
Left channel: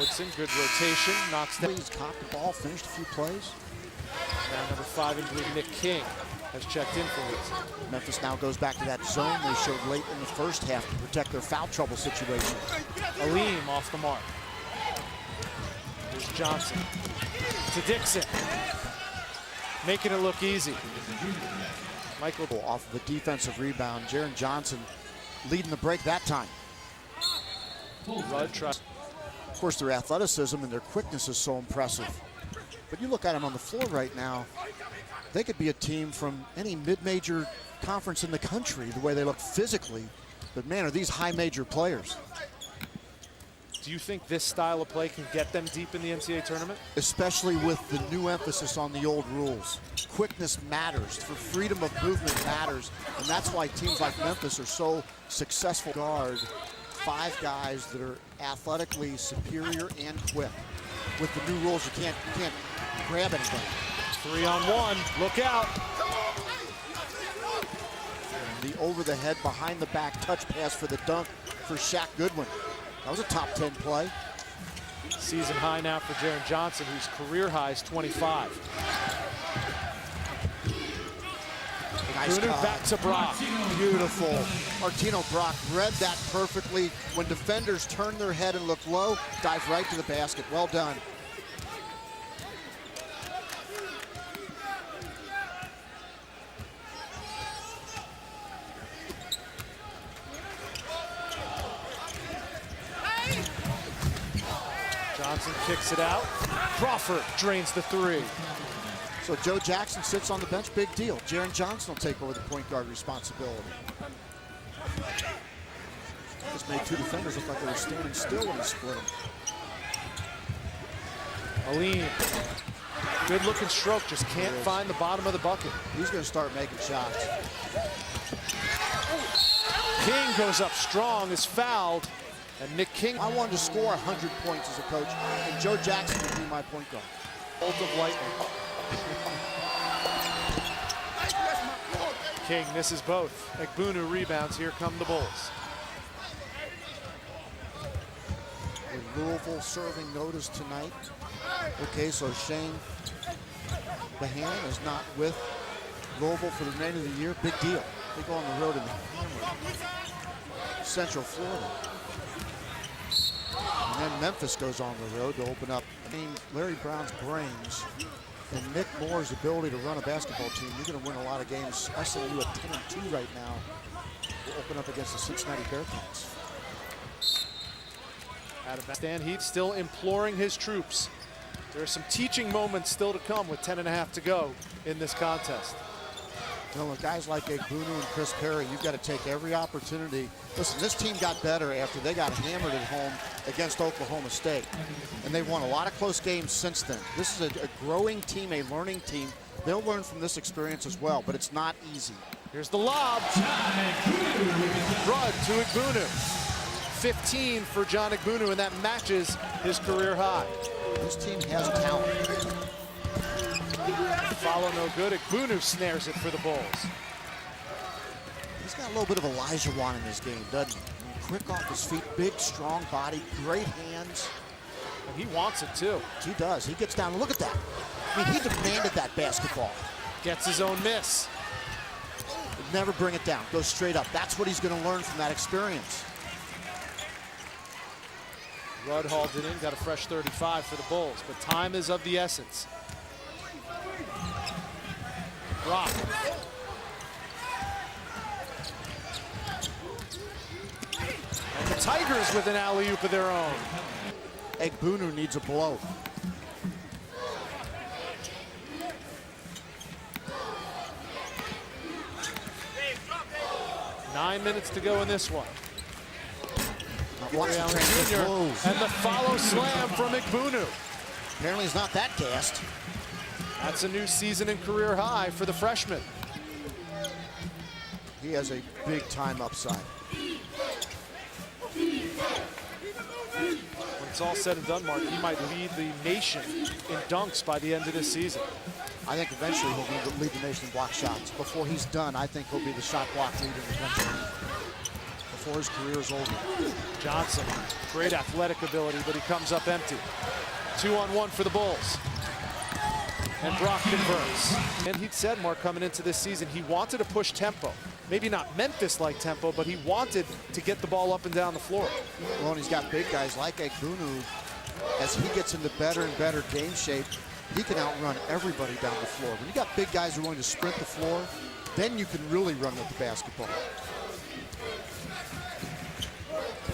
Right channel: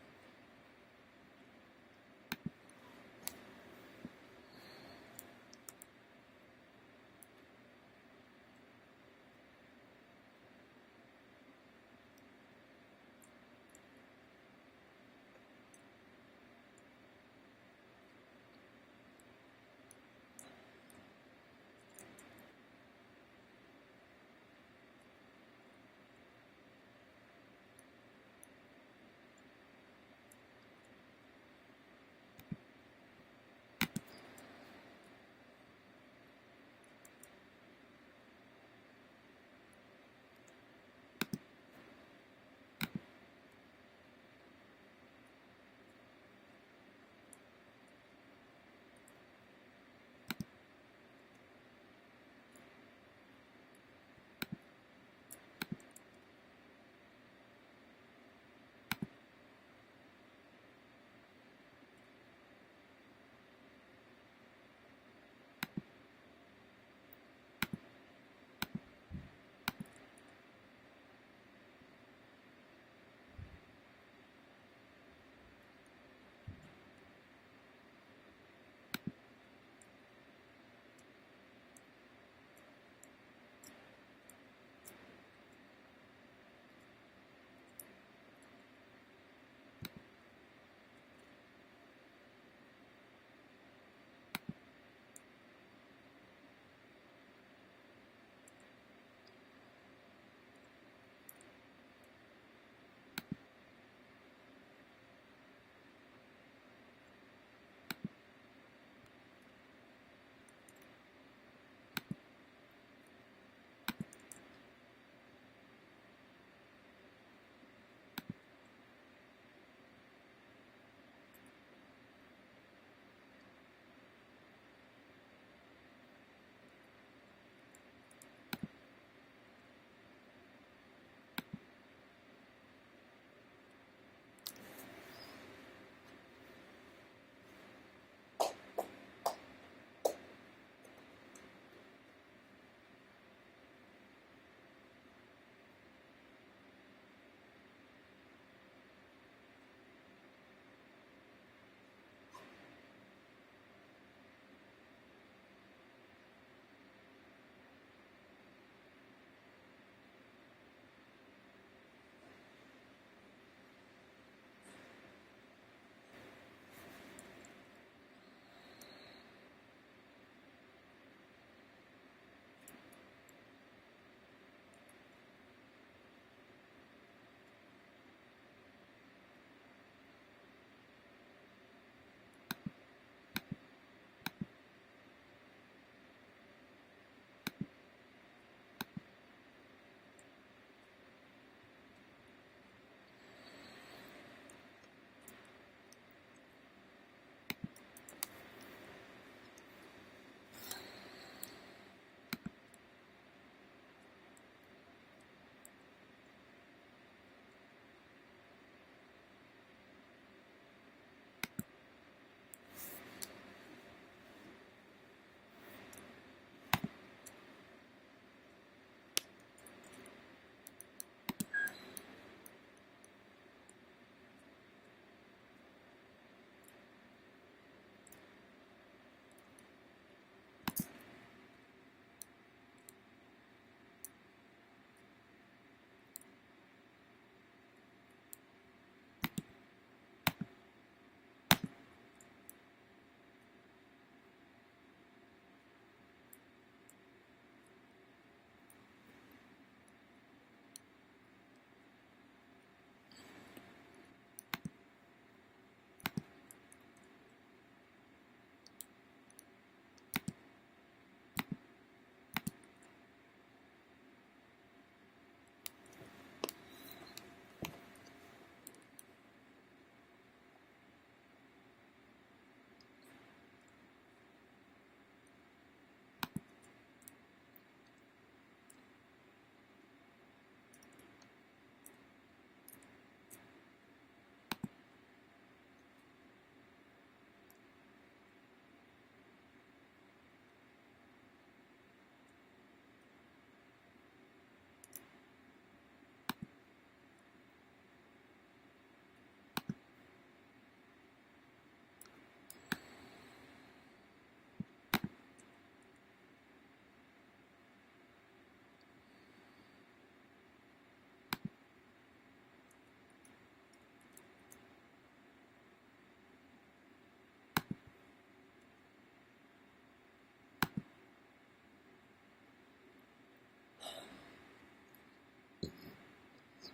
Woodson, good rotation, knocks down. He's caught the ball, finished a few plays. Now number 5 in blue, Nick King, has checked in for Woodson. Memphis now goes back to that zone they showed late in the first half to protect their foul trouble situation. Aleem off the mark. Here's Johnson to Dixon, making it look easy. Michael off of a defensive rebound. Jaren Johnson leading the break that time. Rudd tries. Of course, their athleticism and their quickness is so impressive. But you look at them on the floor right now, they could be a team from any mid-major conference in the country, the way they look physically. But man, are these high major players. Do you think this style of play can get them deep in the NCAA tournament? Especially with the new emphasis on the old rules. Quickness matters, for freedom of movement matters, and that's why teams like Memphis are so successful. Guard 5 guys that are athletically superior and quick. With the new rules, you can't grab anything. 3-on-1, look out. The over the head, behind the back touch pass for the dunk for Shaq Goodwin. That was a top 10 play. Season high now for Jaren Johnson, whose career high is 25. Nice back to Brock. Beautiful. Martino Brock read that perfectly. When defenders turn their head and look low, dive right to the basket. Well done. Johnson kicks it out. Crawford drains the 3. So Joe Jackson sits on the bench, big deal. Jaren Johnson will take over the point guard responsibility. Just made 2 defenders look like they were standing still when he split them. Aleem, good looking stroke, just can't find the bottom of the bucket. He's going to start making shots. King goes up strong, is fouled, and Nick King. I wanted to score 100 points as a coach, and Joe Jackson would be my point guard. Bolt of lightning. King misses both. Egbunu rebounds. Here come the Bulls. With Louisville serving notice tonight. Okay, so Shane Behan is not with Louisville for the remainder of the year. Big deal. They go on the road in Central Florida. And then Memphis goes on the road to open up Larry Brown's brains and Nick Moore's ability to run a basketball team. You're going to win a lot of games. SMU at 10-2 right now will open up against the Cincinnati Bearcats. Stan Heat still imploring his troops. There are some teaching moments still to come with 10.5 to go in this contest. You know, with guys like Egbunu and Chris Perry, you've got to take every opportunity. Listen, this team got better after they got hammered at home against Oklahoma State. And they've won a lot of close games since then. This is a growing team, a learning team. They'll learn from this experience as well, but it's not easy. Here's the lob. Rudd to Egbunu. 15 for John Egbunu, and that matches his career high. This team has talent. Follow no good. Egbunu snares it for the Bulls. He's got a little bit of Elijah Wan in his game, doesn't he? Quick off his feet, big, strong body, great hands. And he wants it too. He does. He gets down. Look at that. I mean, he demanded that basketball. Gets his own miss. Never bring it down. Go straight up. That's what he's going to learn from that experience. Rudd hauled it in, got a fresh 35 for the Bulls, but time is of the essence. Brock. And the Tigers with an alley-oop of their own. Egbunu needs a blow. Nine minutes to go in this one. Watson Jr. And the follow slam from Egbunu. Apparently he's not that gassed. That's a new season and career high for the freshman. He has a big time upside. When it's all said and done, Mark, he might lead the nation in dunks by the end of this season. I think eventually he'll lead the nation in block shots. Before he's done, I think he'll be the shot block leader in the country. Before his career is over. Johnson, great athletic ability, but he comes up empty. 2-on-1 for the Bulls. And Brock converts. And he'd said, Mark, coming into this season, he wanted to push tempo. Maybe not Memphis-like tempo, but he wanted to get the ball up and down the floor. Well, and he's got big guys like Egbunu. As he gets into better and better game shape, he can outrun everybody down the floor. When you got big guys who are willing to sprint the floor, then you can really run with the basketball.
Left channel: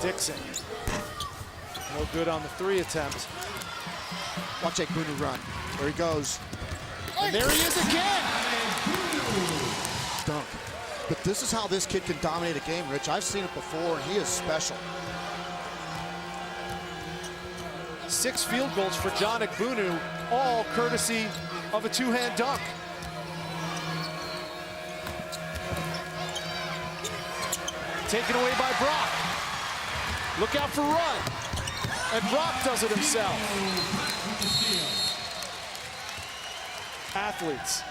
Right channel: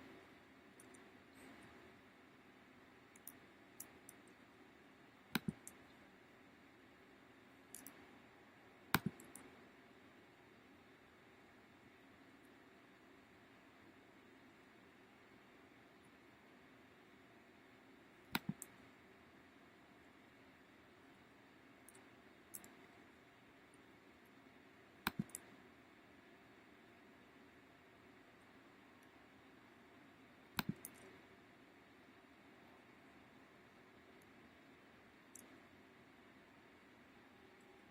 Dixon. No good on the three attempt. Watch Egbunu run. There he goes. And there he is again. Dunk. But this is how this kid can dominate a game, Rich. I've seen it before, and he is special. 6 field goals for John Egbunu, all courtesy of a two-hand dunk. Taken away by Brock. Look out for Rudd. And Brock does it himself. Athletes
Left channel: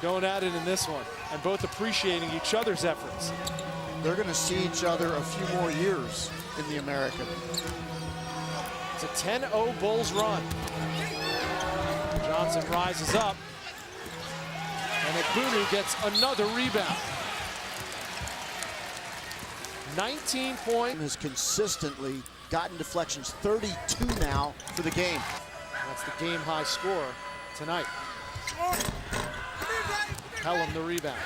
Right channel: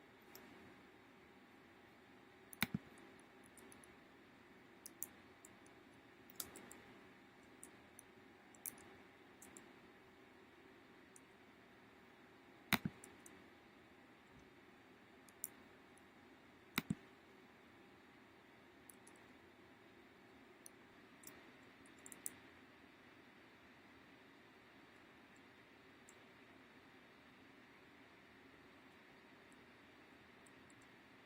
going at it in this one, and both appreciating each other's efforts. They're going to see each other a few more years in the American. It's a 10-0 Bulls run. Johnson rises up, and Egbunu gets another rebound. 19 points. Has consistently gotten deflections, 32 now for the game. That's the game high score tonight. Pelham the rebound.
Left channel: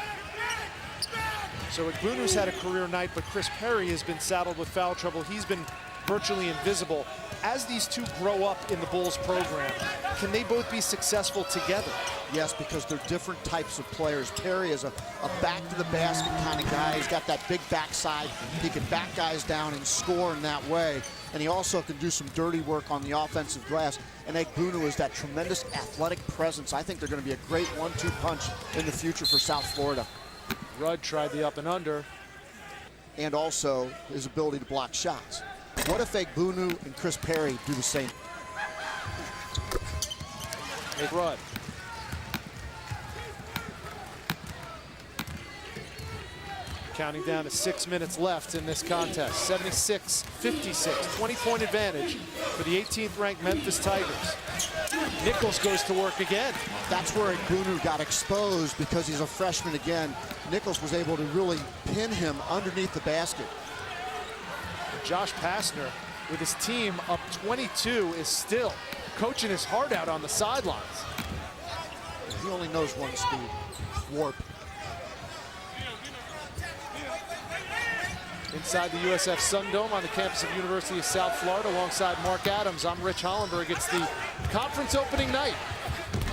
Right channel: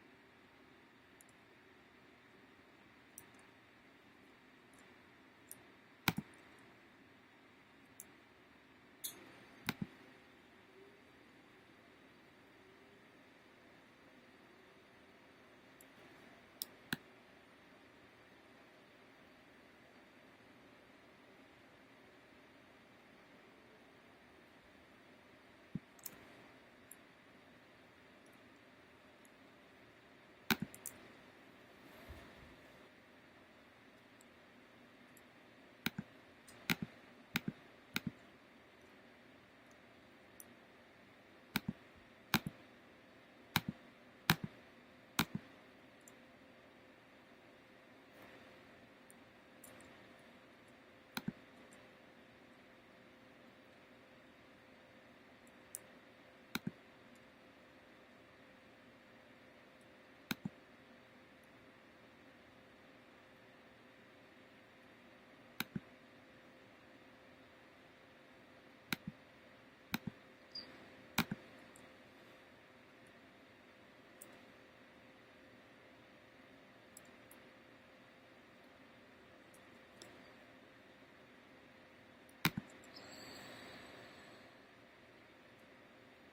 So Egbunu's had a career night, but Chris Perry has been saddled with foul trouble. He's been virtually invisible. As these two grow up in the Bulls program, can they both be successful together? Yes, because they're different types of players. Perry is a back to the basket kind of guy. He's got that big backside. He can back guys down and score in that way. And he also can do some dirty work on the offensive glass. And Egbunu is that tremendous athletic presence. I think they're going to be a great 1-2 punch in the future for South Florida. Rudd tried the up and under. And also his ability to block shots. What if Egbunu and Chris Perry do the same? Hey, Rudd. Counting down to 6 minutes left in this contest. 76-56, 20-point advantage for the 18th ranked Memphis Tigers. Nichols goes to work again. That's where Egbunu got exposed because he's a freshman again. Nichols was able to really pin him underneath the basket. Josh Pastner, with his team up 22, is still coaching his heart out on the sidelines. He only knows one speed, warp. Inside the USF Sundome on the campus of University of South Florida, alongside Mark Adams, I'm Rich Hollenberg. It's the conference opening night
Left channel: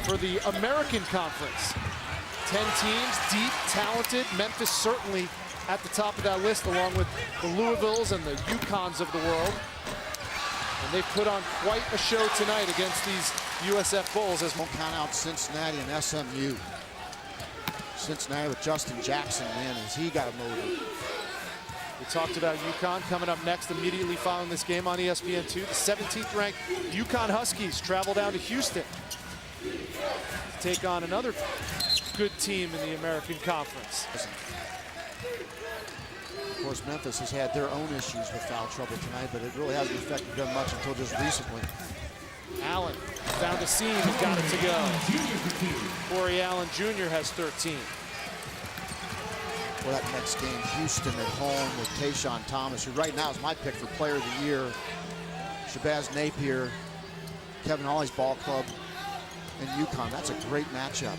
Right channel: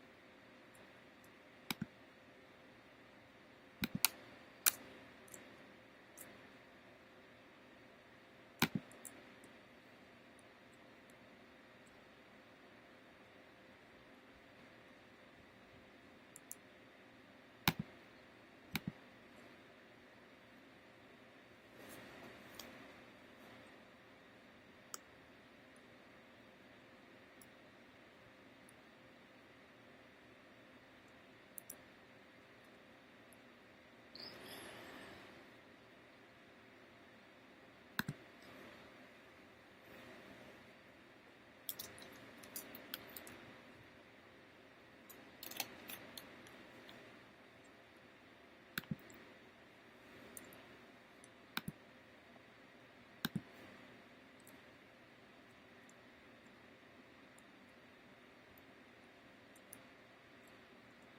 for the American Conference. 10 teams, deep, talented. Memphis certainly at the top of that list, along with the Louisvilles and the UConns of the world. And they put on quite a show tonight against these USF Bulls. As Won't count out Cincinnati and SMU. Cincinnati with Justin Jackson, man, has he got a motor. We talked about UConn coming up next immediately following this game on ESPN2. The 17th ranked UConn Huskies travel down to Houston to take on another good team in the American Conference. Of course, Memphis has had their own issues with foul trouble tonight, but it really hasn't affected them much until just recently. Allen found a seam and got it to go. Corey Allen Jr. has 13. For that next game, Houston at home with Tayshaun Thomas, who right now is my pick for Player of the Year. Shabazz Napier, Kevin Ollie's ball club, and UConn. That's a great matchup.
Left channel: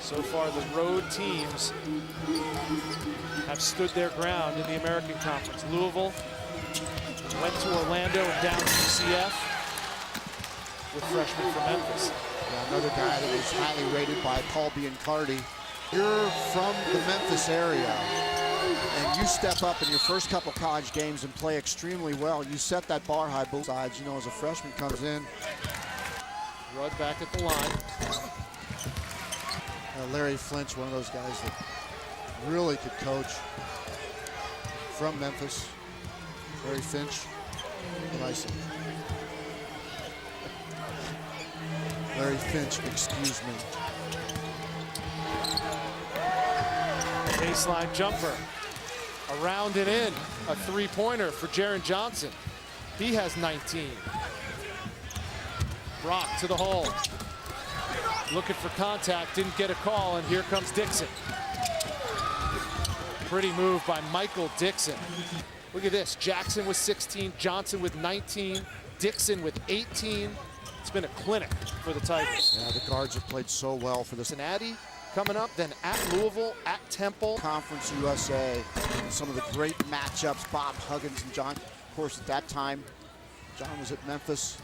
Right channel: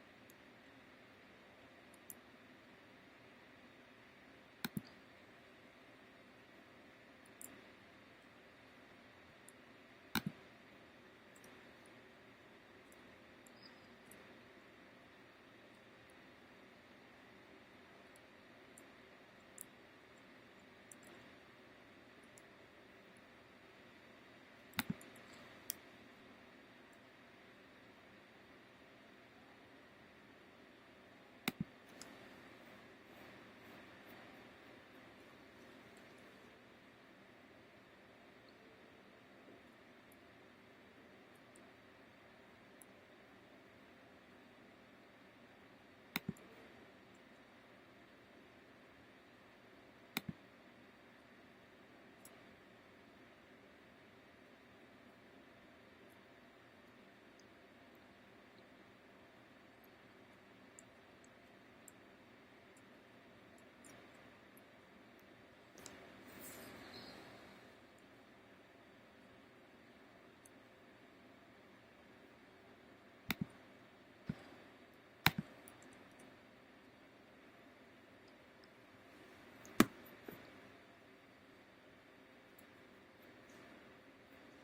So far, the road teams have stood their ground in the American Conference. Louisville went to Orlando and down to UCF with freshmen from Memphis. Yeah, another guy that was highly rated by Paul Biancardi. You're from the Memphis area, and you step up in your first couple college games and play extremely well. You set that bar high both sides. You know, as a freshman comes in. Rudd back at the line. Larry Flinch, one of those guys that really could coach, from Memphis. Larry Finch, nice. Larry Finch, excuse me. Baseline jumper, around and in, a three-pointer for Jaren Johnson. He has 19. Brock to the hole. Looking for contact, didn't get a call, and here comes Dixon. Pretty move by Michael Dixon. Look at this, Jackson with 16, Johnson with 19, Dixon with 18. It's been a clinic for the Tigers. Yeah, the guards have played so well for this. Cincinnati coming up, then at Louisville, at Temple. Conference USA, some of the great matchups, Bob Huggins and John. Of course, at that time, John was at Memphis,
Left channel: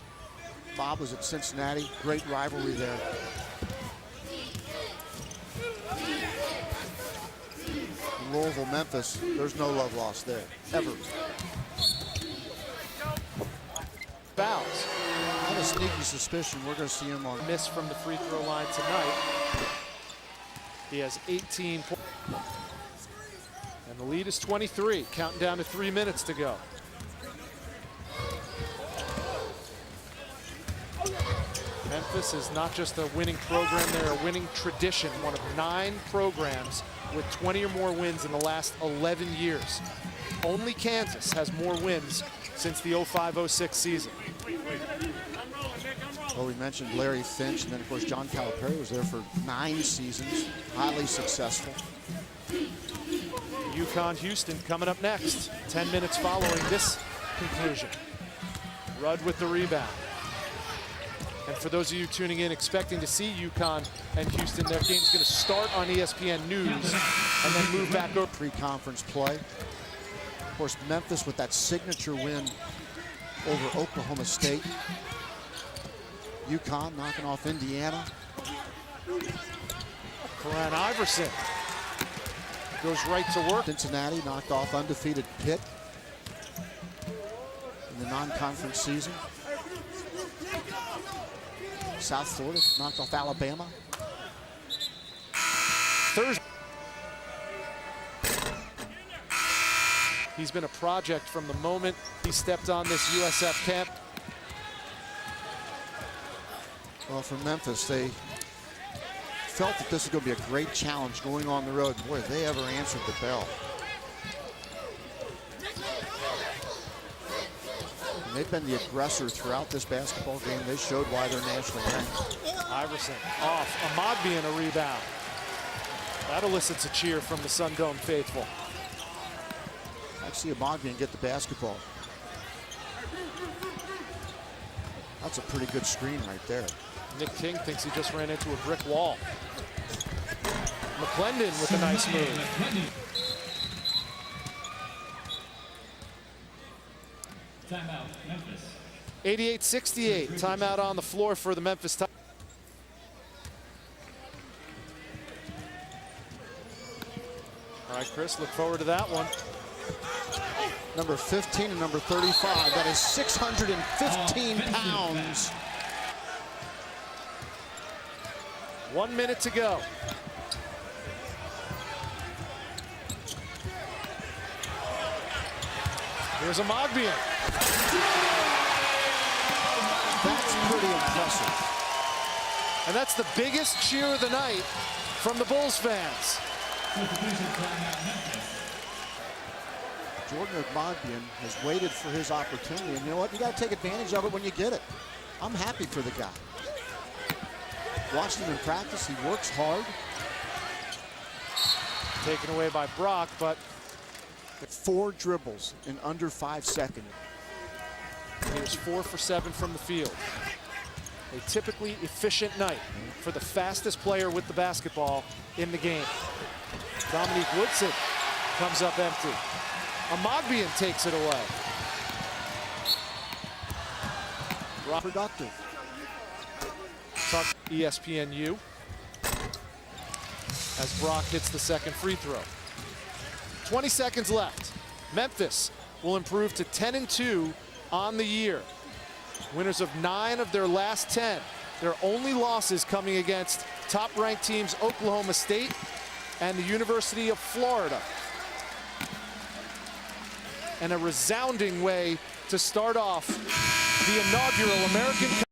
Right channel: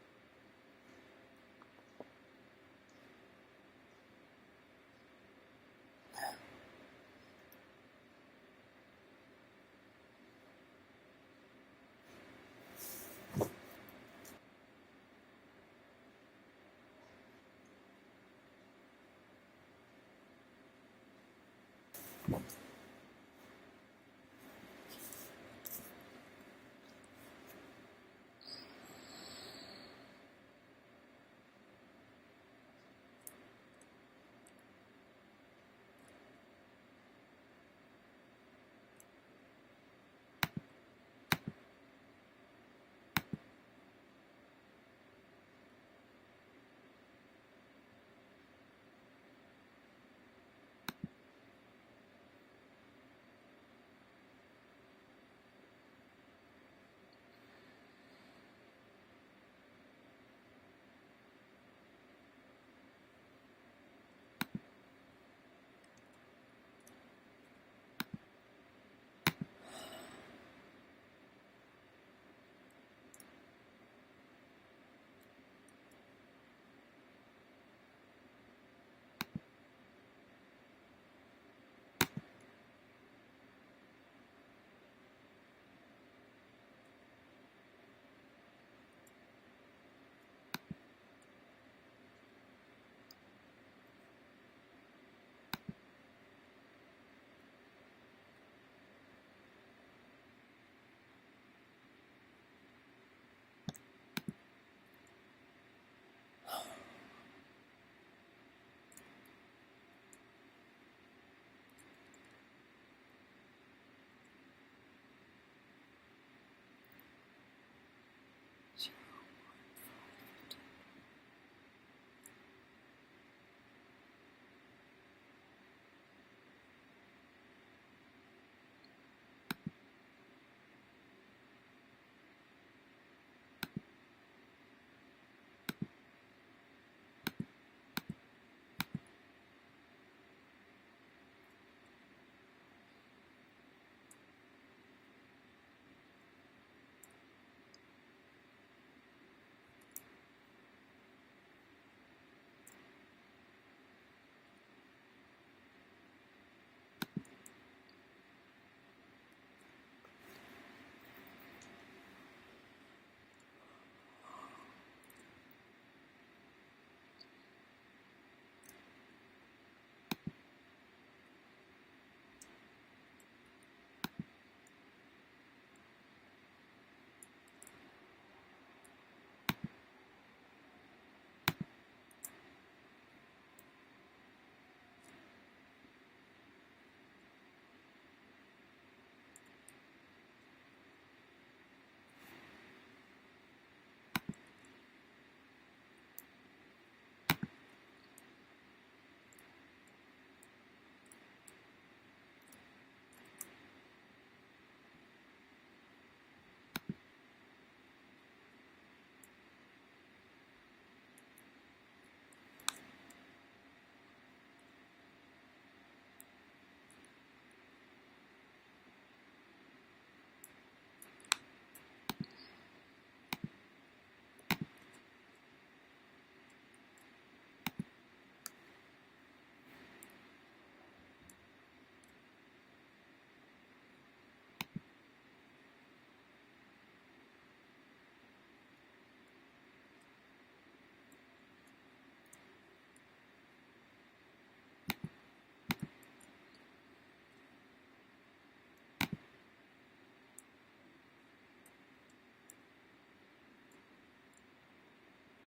Bob was at Cincinnati. Great rivalry there. Louisville, Memphis, there's no love lost there, ever. Fouls. I have a sneaky suspicion we're going to see him on. Miss from the free throw line tonight. He has 18 points. And the lead is 23, counting down to 3 minutes to go. Memphis is not just a winning program, they're a winning tradition. One of 9 programs with 20 or more wins in the last 11 years. Only Kansas has more wins since the 05-06 season. Well, we mentioned Larry Finch, and then of course John Calipari was there for 9 seasons, highly successful. UConn Houston coming up next. 10 minutes following this conclusion. Rudd with the rebound. And for those of you tuning in expecting to see UConn and Houston, their game's going to start on ESPN News and then move back over. Pre-conference play. Of course, Memphis with that signature win over Oklahoma State. UConn knocking off Indiana. Karan Iverson goes right to work. Cincinnati knocked off undefeated Pitt in the non-conference season. South Florida knocked off Alabama. Thursday. He's been a project from the moment he stepped on this USF camp. Well, for Memphis, they felt that this was going to be a great challenge going on the road. Boy, have they ever answered the bell. And they've been the aggressor throughout this basketball game. They showed why they're nationally ranked. Iverson off. Ahmad being a rebound. That elicits a cheer from the Sun Dome faithful. I see Ahmad get the basketball. That's a pretty good screen right there. Nick King thinks he just ran into a brick wall. McClendon with a nice move. Timeout, Memphis. 88-68. Timeout on the floor for the Memphis Tigers. All right, Chris, look forward to that one. Number 15 and number 35. That is 615 pounds. 1 minute to go. Here's a Mogbian. That's pretty impressive. And that's the biggest cheer of the night from the Bulls fans. Jordan Mogbian has waited for his opportunity, and you know what? You got to take advantage of it when you get it. I'm happy for the guy. Watched him in practice. He works hard. Taken away by Brock, but 4 dribbles in under 5 seconds. he was 4 for 7 from the field. A typically efficient night for the fastest player with the basketball in the game. Dominique Woodson comes up empty. Mogbian takes it away. Productive. Talk ESPNU as Brock hits the second free throw. 20 seconds left. Memphis will improve to 10-2 on the year. Winners of 9 of their last 10. Their only losses coming against top-ranked teams Oklahoma State and the University of Florida. And a resounding way to start off the inaugural American